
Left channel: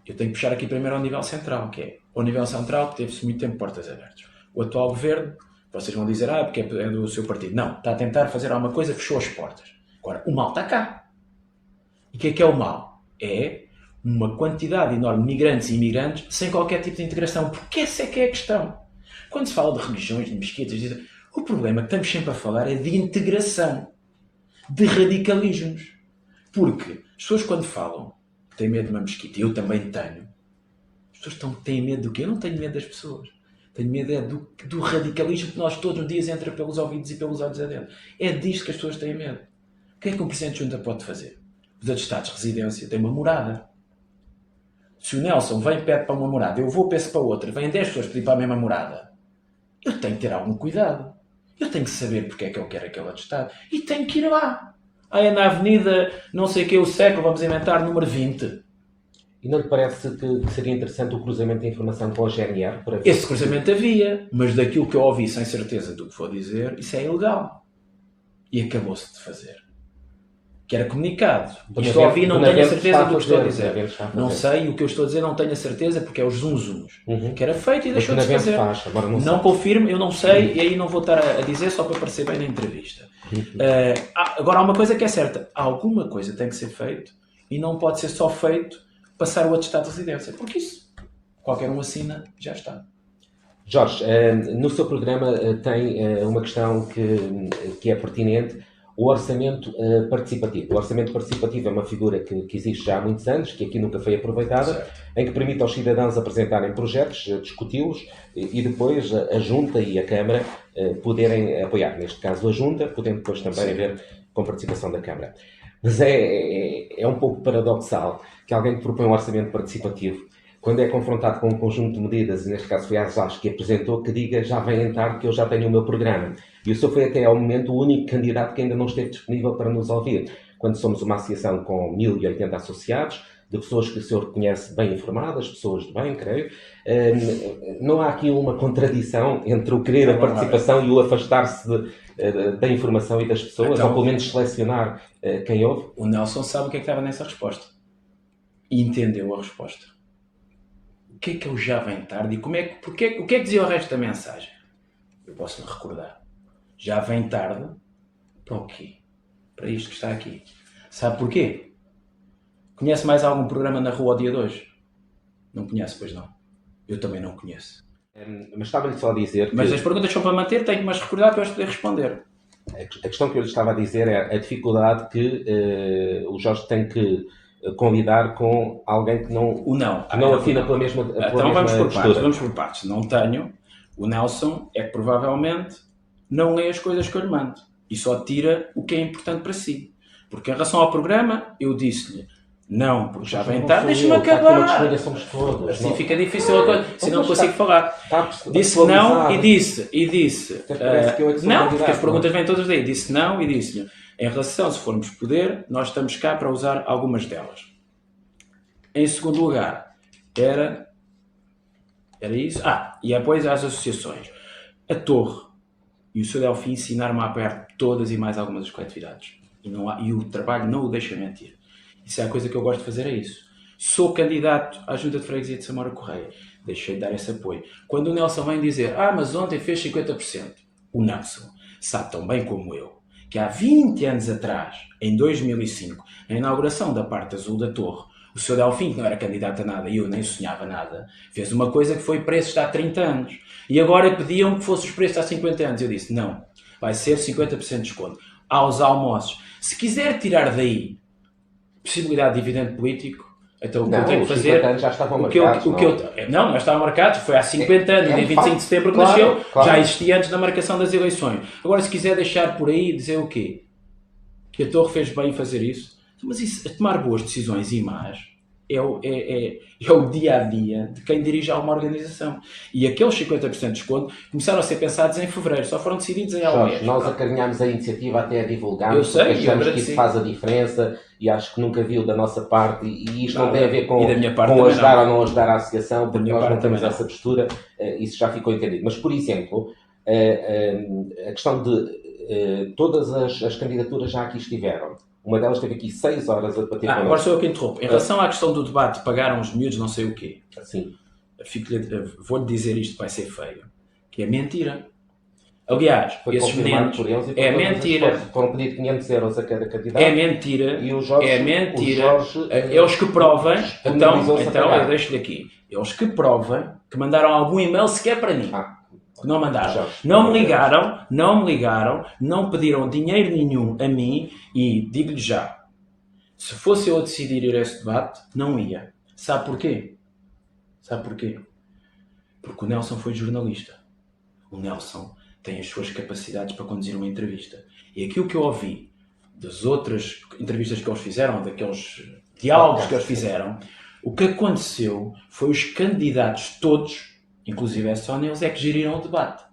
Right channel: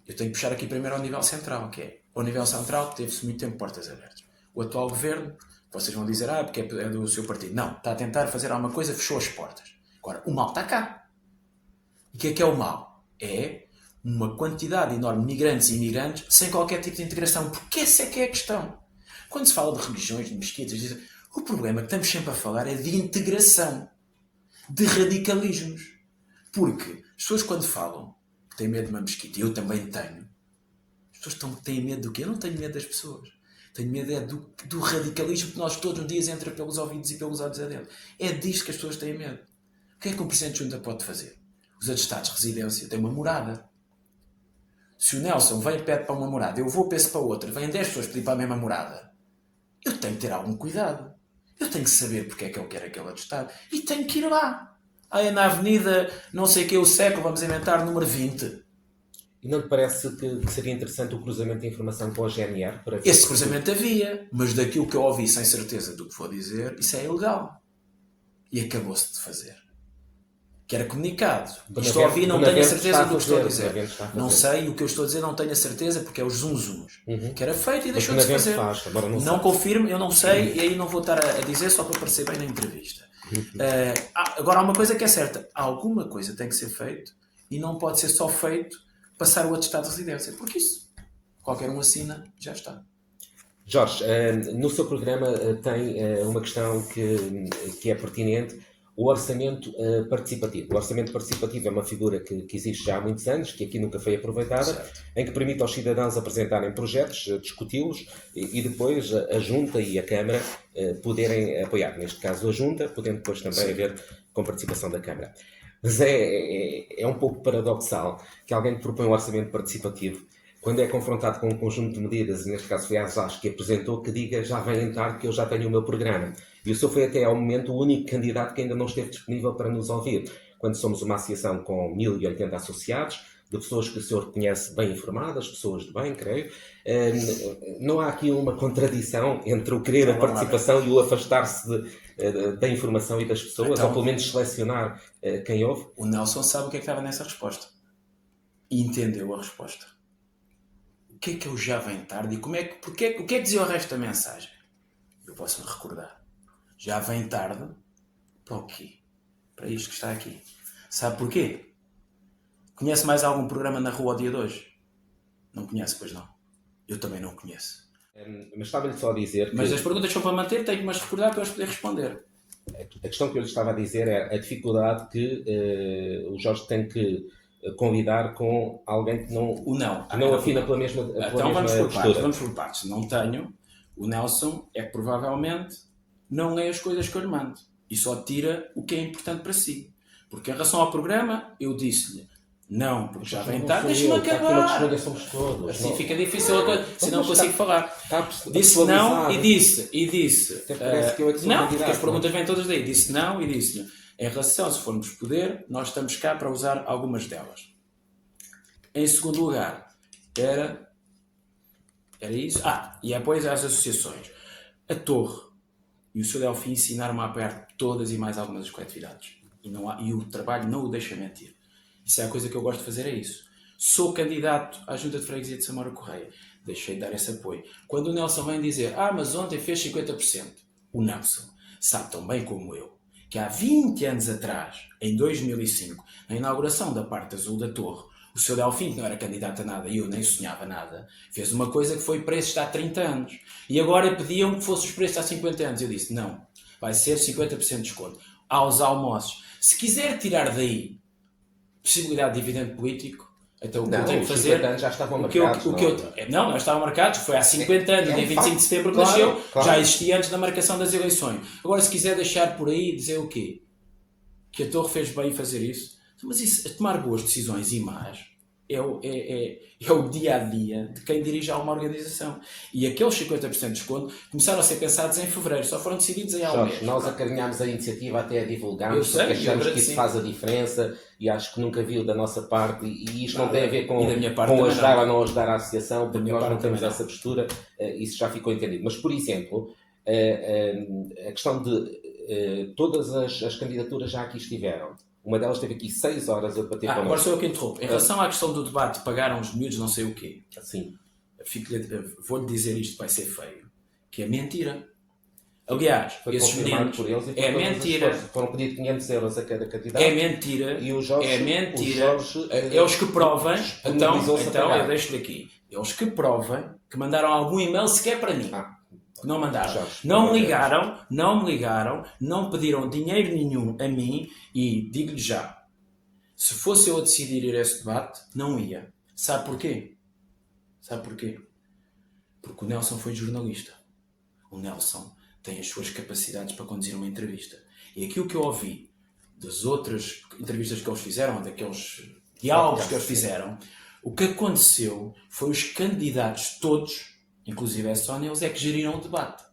eu tenho que puxar aqui primeiro ao nível central, que é o nível central que teve-se muito tempo portas abertas. O atual governo, vocês vão dizer, porque é do seu partido. Não, está a tentar fazer alguma coisa, fechou as portas. Agora, o mal está cá. E o que é o mal? É uma quantidade enorme de migrantes e imigrantes sem qualquer tipo de integração. Porque essa é que é a questão. Quando se fala de religiões, de mesquitas, o problema que estamos sempre a falar é de integração, de radicalismos. Porque as pessoas quando falam que têm medo de uma mesquita, e eu também tenho, as pessoas têm medo do quê? Eu não tenho medo das pessoas. Tenho medo do radicalismo que nós todos os dias entra pelos ouvidos e pelos olhos adentro. É disto que as pessoas têm medo. O que é que um Presidente de Junta pode fazer? Os atestados de residência têm uma morada. Se o Nelson vem e pede para uma morada, eu vou peço para outra, vêm 10 pessoas pedir para a mesma morada, eu tenho que ter algum cuidado. Eu tenho que saber porque é que eu quero aquele atestado. E tenho que ir lá. É na avenida, não sei o que, o século, vamos inventar, número 20. E não lhe parece que seria interessante o cruzamento de informação com a GNR? Esse cruzamento havia, mas daquilo que eu ouvi sem certeza do que vou dizer, isso é ilegal. E acabou-se de fazer. Que era comunicado. Isto ouvi, não tenho a certeza do que estou a dizer. Não sei, o que eu estou a dizer não tenho a certeza porque é os zunzuns. Que era feito e deixou de se fazer. Não confirmo, eu não sei, e aí não vou estar a dizer só para parecer bem na entrevista. Agora há uma coisa que é certa. Alguma coisa tem que ser feito e não pode ser só feito passar o atestado de residência, porque isso qualquer um assina, já está. Jorge, no seu programa tem uma questão que é pertinente, o orçamento participativo. O orçamento participativo é uma figura que existe já há muitos anos, que aqui nunca foi aproveitada, certo, em que permite aos cidadãos apresentarem projetos, discuti-los e depois a Junta e a Câmara poderem apoiar. Neste caso a Junta, podendo depois também haver com participação da Câmara. Mas é um pouco paradoxal que alguém que propõe um orçamento participativo, quando é confrontado com um conjunto de medidas, e neste caso foi a ASAS que apresentou, que diga já vem tarde que eu já tenho o meu programa. E o senhor foi até ao momento o único candidato que ainda não esteve disponível para nos ouvir. Quando somos uma associação com 1080 associados, de pessoas que o senhor conhece bem informadas, pessoas de bem, creio, não há aqui uma contradição entre o querer a participação e o afastar-se da informação e das pessoas, então, ou pelo menos selecionar quem ouve? O Nelson sabe o que é que estava nessa resposta. E entendeu a resposta. O que é que eu já vem tarde? E o que é que dizia o resto da mensagem? Eu posso me recordar. Já vem tarde para o quê? Para isto que está aqui. Sabe porquê? Conhece mais algum programa na rua ao dia de hoje? Não conhece, pois não. Eu também não conheço. Mas estava-lhe só a dizer que... Mas as perguntas são para manter, tenho que me recordar para eu poder responder. A questão que eu lhe estava a dizer é a dificuldade que o Jorge tem que convidar com alguém que não afina pela mesma então vamos por partes. Não tenho. O Nelson é que provavelmente não lê as coisas que eu lhe mando. E só tira o que é importante para si. Porque em relação ao programa, eu disse-lhe não, porque já vem tarde, deixa-me acabar. Assim fica difícil, se não consigo falar. Disse não e disse. Não, porque as perguntas vêm todas daí. Disse não e disse-lhe, em relação, se formos poder, nós estamos cá para usar algumas delas. Em segundo lugar, era isso. E depois às associações. A Torre e o Sr. Delfim ensinaram-me a apoiar todas e mais algumas das coletividades. E o trabalho não o deixa mentir. Isso é a coisa que eu gosto de fazer, é isso. Sou candidato à Junta de Freguesia de Samora Correia. Deixei de dar esse apoio. Quando o Nelson vem dizer, mas ontem fez 50%. O Nelson sabe tão bem como eu que há 20 anos atrás, em 2005, na inauguração da parte azul da Torre, o Sr. Delfim, que não era candidato a nada e eu nem sonhava nada, fez uma coisa que foi preços de há 30 anos. E agora pediam que fossem os preços há 50 anos. Eu disse, não, vai ser 50% de desconto. Aos almoços. Se quiser tirar daí possibilidade de dividendo político, então o que eu tenho que fazer... já estavam marcados, não estavam marcados, foi há 50 anos, no dia 25 de setembro que nasceu, já existia antes da marcação das eleições. Agora, se quiser deixar por aí, dizer o quê? Que a Torre fez bem em fazer isso? Mas isso, a tomar boas decisões e más é o dia-a-dia de quem dirige alguma organização. E aqueles 50% de desconto começaram a ser pensados em fevereiro, só foram decididos em algum mês. Nós acarinhámos a iniciativa até a divulgar, eu sei, porque achamos que isso faz a diferença e acho que nunca viu da nossa parte, e isto não tem a ver com ajudar ou não ajudar a associação, porque nós não temos essa postura, isso já ficou entendido. Mas, por exemplo, a questão de todas as candidaturas já aqui estiveram. Uma delas teve aqui 6 horas a debater. Agora sou eu que interrompo. Em relação à questão do debate, pagaram os miúdos não sei o quê. Sim. Vou-lhe dizer isto, vai ser feio. Que é mentira. Aliás, esses meninos... É mentira. Foram pedir 500 euros a cada candidato. É mentira. E o Jorge, é mentira. Eles que provem... Então eu deixo-lhe aqui. Eles que provem que mandaram algum e-mail sequer para mim. Não mandaram. Não me ligaram, não pediram dinheiro nenhum a mim e digo-lhe já, se fosse eu a decidir ir a esse debate, não ia. Sabe porquê? Porque o Nelson foi jornalista. O Nelson tem as suas capacidades para conduzir uma entrevista. E aquilo que eu ouvi das outras entrevistas que eles fizeram, daqueles diálogos que eles fizeram, o que aconteceu foi os candidatos todos, inclusive é só neles, é que geriram o debate.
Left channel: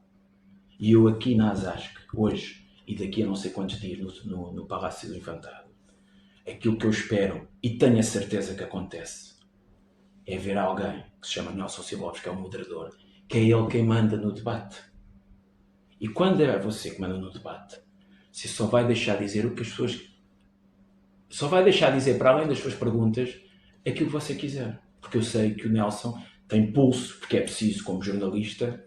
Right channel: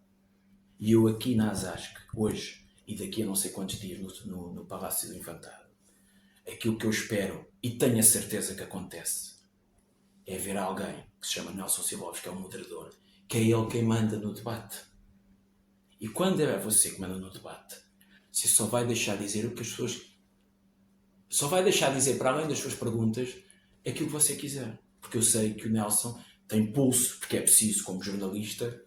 E eu aqui na ASASC, hoje, e daqui a não sei quantos dias no Palácio do Infantado, aquilo que eu espero, e tenho a certeza que acontece, é ver alguém que se chama Nelson Silvovich, que é o moderador, que é ele quem manda no debate. E quando é você que manda no debate, você só vai deixar dizer o que as pessoas... Só vai deixar dizer, para além das suas perguntas, aquilo que você quiser. Porque eu sei que o Nelson tem pulso, porque é preciso, como jornalista,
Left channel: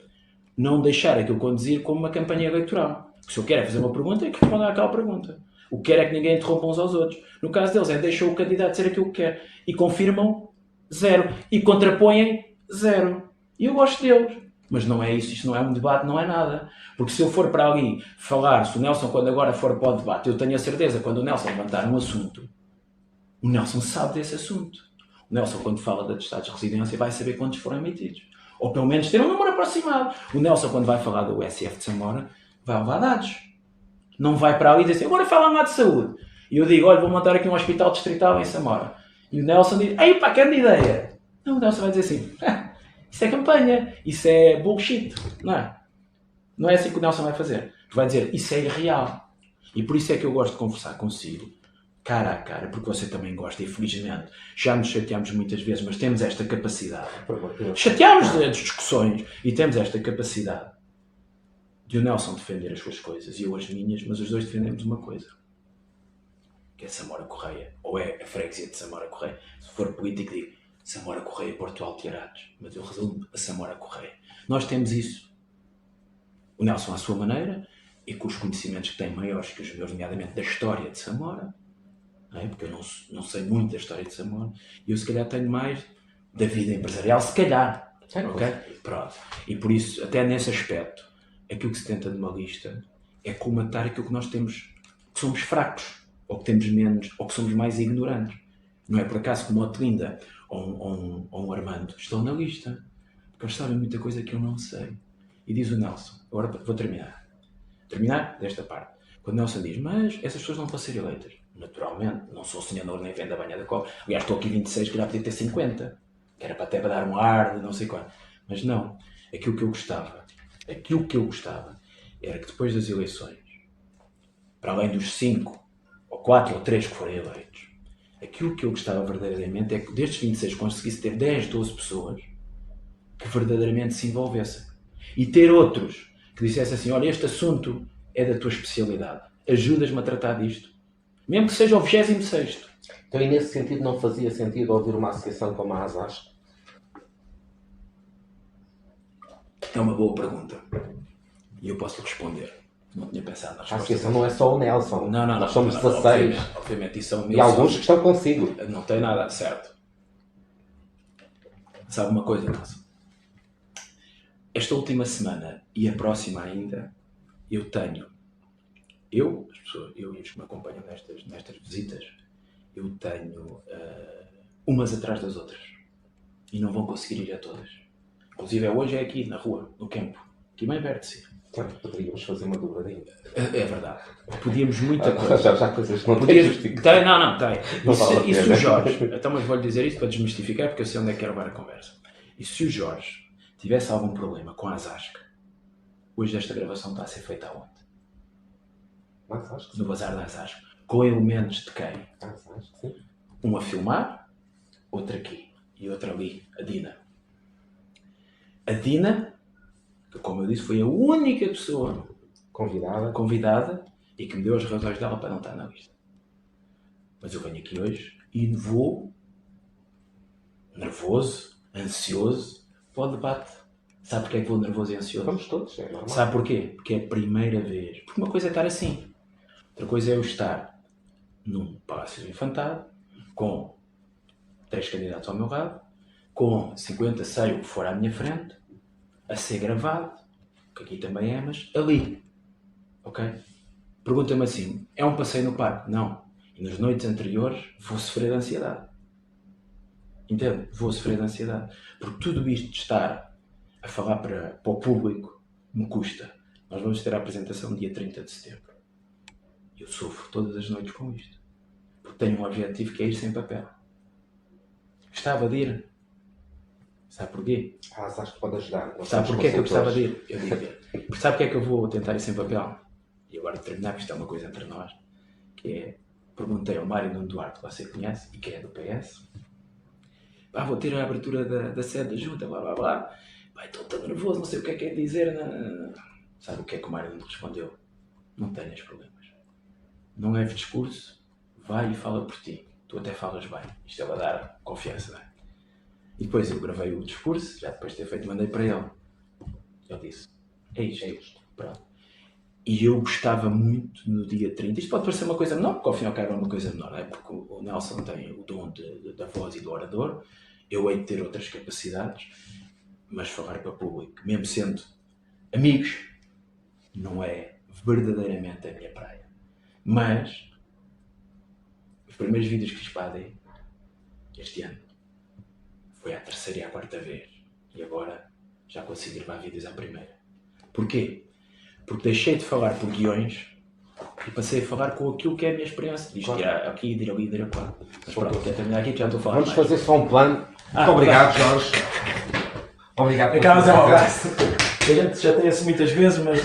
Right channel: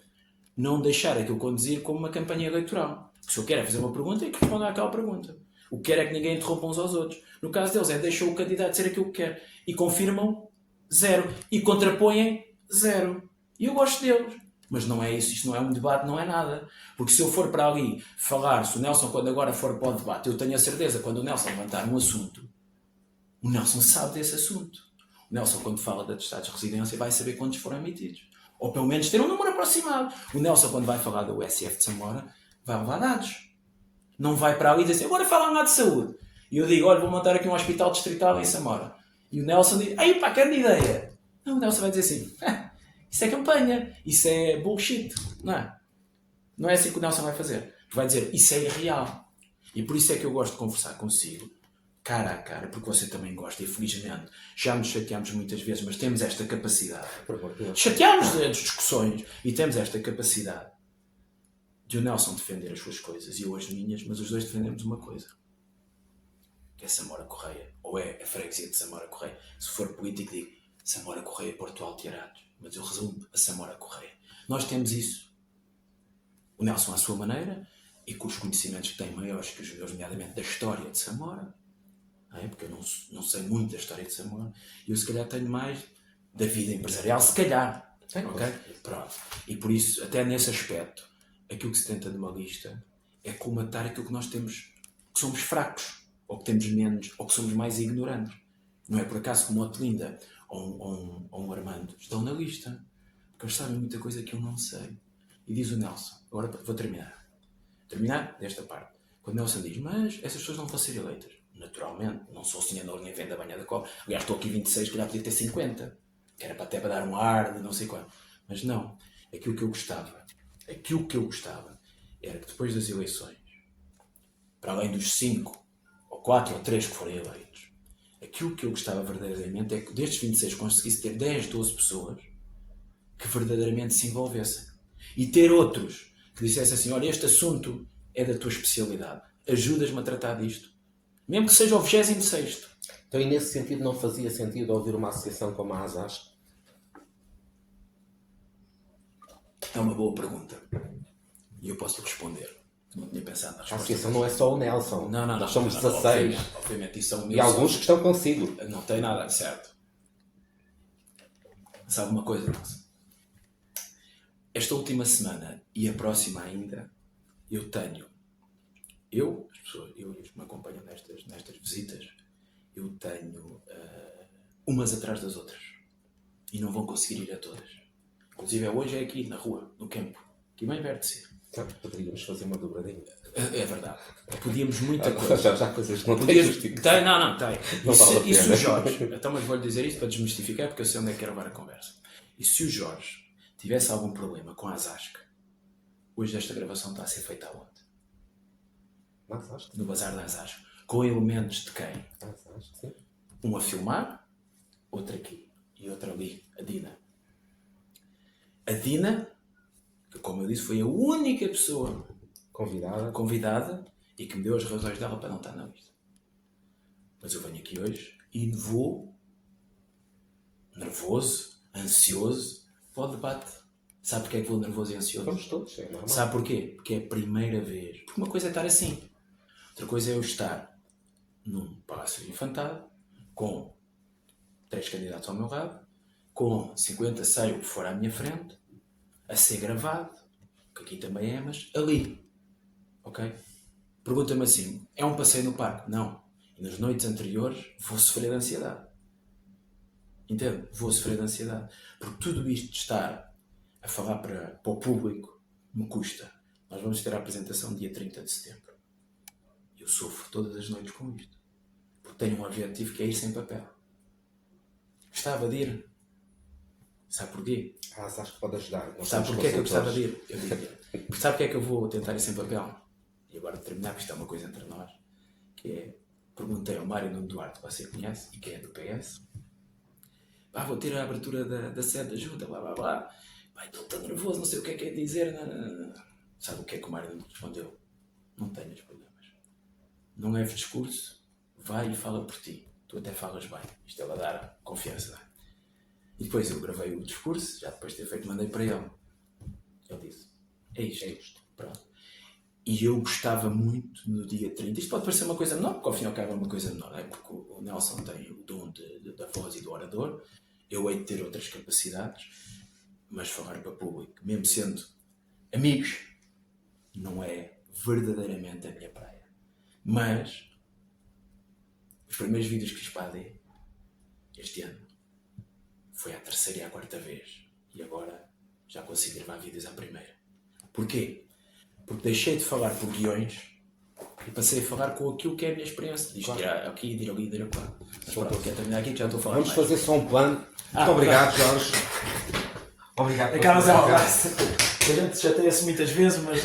não deixar aquilo conduzir como uma campanha eleitoral. Porque se eu quero fazer uma pergunta, é que responder àquela pergunta. O que quero é que ninguém interrompa uns aos outros. No caso deles, deixam o candidato dizer aquilo que quer. E confirmam, 0. E contrapõem, 0. E eu gosto deles. Mas não é isso. Isto não é um debate, não é nada. Porque se eu for para ali falar, se o Nelson, quando agora for para o debate, eu tenho a certeza, quando o Nelson levantar um assunto, o Nelson sabe desse assunto. O Nelson, quando fala de atestados de residência, vai saber quantos foram emitidos. Ou pelo menos ter um número aproximado. O Nelson, quando vai falar do SF de Samora, vai levar dados. Não vai para ali e dizer assim, agora fala lá de saúde. E eu digo, olha, vou montar aqui um hospital distrital em Samora. E o Nelson diz, ei pá, grande ideia. Não, o Nelson vai dizer assim, isso é campanha, isso é bullshit. Não é? Não é assim que o Nelson vai fazer. Vai dizer, isso é irreal. E por isso é que eu gosto de conversar consigo, cara a cara, porque você também gosta, e felizmente já nos chateamos muitas vezes, mas temos esta capacidade. Chateamos as discussões e temos esta capacidade de o Nelson defender as suas coisas e eu as minhas, mas os dois defendemos uma coisa, que é Samora Correia, ou é a freguesia de Samora Correia. Se for político, digo Samora Correia e Porto Alto Tirados, mas eu resumo a Samora Correia. Nós temos isso. O Nelson à sua maneira e com os conhecimentos que tem maiores que os meus, nomeadamente da história de Samora, porque eu não sei muito da história de Samora, e eu se calhar tenho mais da vida empresarial, se calhar. Ok? Pronto. E por isso, até nesse aspecto, aquilo que se tenta de uma lista é colmatar aquilo que nós temos, que somos fracos, ou que temos menos, ou que somos mais ignorantes. Não é por acaso que o Otelinda ou um Armando estão na lista, porque eles sabem muita coisa que eu não sei. E diz o Nelson, agora vou terminar desta parte. Quando o Nelson diz, mas essas pessoas não vão ser eleitas. Naturalmente, não sou sonhador nem vendo a banha da cola. Aliás, estou aqui 26, que já podia ter 50. Que era até para dar um ar de não sei qual. Mas não. Aquilo que eu gostava era que depois das eleições, para além dos 5, ou 4, ou 3 que forem eleitos, aquilo que eu gostava verdadeiramente é que destes 26 conseguisse ter 10, 12 pessoas que verdadeiramente se envolvessem. E ter outros que dissessem assim, olha, este assunto é da tua especialidade. Ajudas-me a tratar disto. Mesmo que seja o 26º. Então, e nesse sentido, não fazia sentido ouvir uma associação como a ASASC? É uma boa pergunta. E eu posso responder. Não tinha pensado na resposta. A associação não é só o Nelson. Não. Nós somos 16. Obviamente, isso é um e alguns que estão consigo. Não tem nada, certo. Sabe uma coisa, Nelson? Esta última semana e a próxima ainda, eu e os que me acompanham nestas visitas, eu tenho umas atrás das outras. E não vão conseguir ir a todas. Inclusive hoje é aqui na rua, no campo, aqui bem perto de si. Poderíamos fazer uma dobradinha. É verdade. podíamos muita coisa. Já coisas não Podias... tens justiça. Tem, não, tem. Não vale a E se pena. o Jorge, então, mas vou-lhe dizer isto para desmistificar, porque eu sei onde é que quero levar a conversa. E se o Jorge tivesse algum problema com a Zasca, hoje esta gravação está a ser feita aonde? Mas acho que No Bazar da Zasca. Com elementos de quem? acho que sim. Um a filmar, outro aqui e outro ali, a Dina. A Dina, que como eu disse, foi a única pessoa convidada e que me deu as razões dela para não estar na lista. Mas eu venho aqui hoje e vou nervoso, ansioso para o debate. Sabe porquê é que vou nervoso e ansioso? Vamos todos, é normal. Sabe porquê? Porque é a primeira vez. Porque uma coisa é estar assim. Outra coisa é eu estar num palácio infantado, com 3 candidatos ao meu lado, com 50, sei o que for à minha frente, a ser gravado, que aqui também é, mas ali. Ok? Pergunta-me assim, é um passeio no parque? Não. E nas noites anteriores vou sofrer de ansiedade. Entende? Vou sofrer de ansiedade. Porque tudo isto de estar a falar para o público me custa. Nós vamos ter a apresentação dia 30 de setembro. Eu sofro todas as noites com isto. Porque tenho um objetivo que é ir sem papel. Gostava de ir. Sabe porquê? Acho que pode ajudar. Não Sabe somos porquê que eu gostava de consultores. ir? Eu digo. Porque sabe porque é que eu vou tentar ir sem papel? E agora de terminar, que isto é uma coisa entre nós, que é, perguntei ao Mário Nuno Duarte, que você conhece, e que é do PS, vou ter a abertura da sede da junta, blá blá blá, estou tão nervoso, não sei o que é dizer, não. Sabe o que é que o Mário Nuno respondeu? Não tenhas problemas. Não leves discurso, vai e fala por ti. Tu até falas bem. Isto é para dar confiança, não é? E depois eu gravei o discurso, já depois de ter feito, mandei para ele. Ele disse, é isto. Pronto. E eu gostava muito no dia 30. Isto pode parecer uma coisa menor, porque ao fim e ao cabo é uma coisa menor, não é? Porque o Nelson tem o dom da voz e do orador. Eu hei de ter outras capacidades, mas falar para o público, mesmo sendo amigos, não é verdadeiramente a minha praia. Mas os primeiros vídeos que fiz para a AD este ano foi à 3ª e à 4ª vez. E agora já consigo gravar vídeos à primeira. Porquê? Porque deixei de falar por guiões e passei a falar com aquilo que é a minha experiência. Isto ir aqui, ir ali, ir acolá. Mas pronto, até terminar aqui que já estou a falar Vamos mais. fazer só um plano. Muito obrigado, Jorge. Obrigado por Acabas é um abraço. A gente chateia-se muitas vezes, mas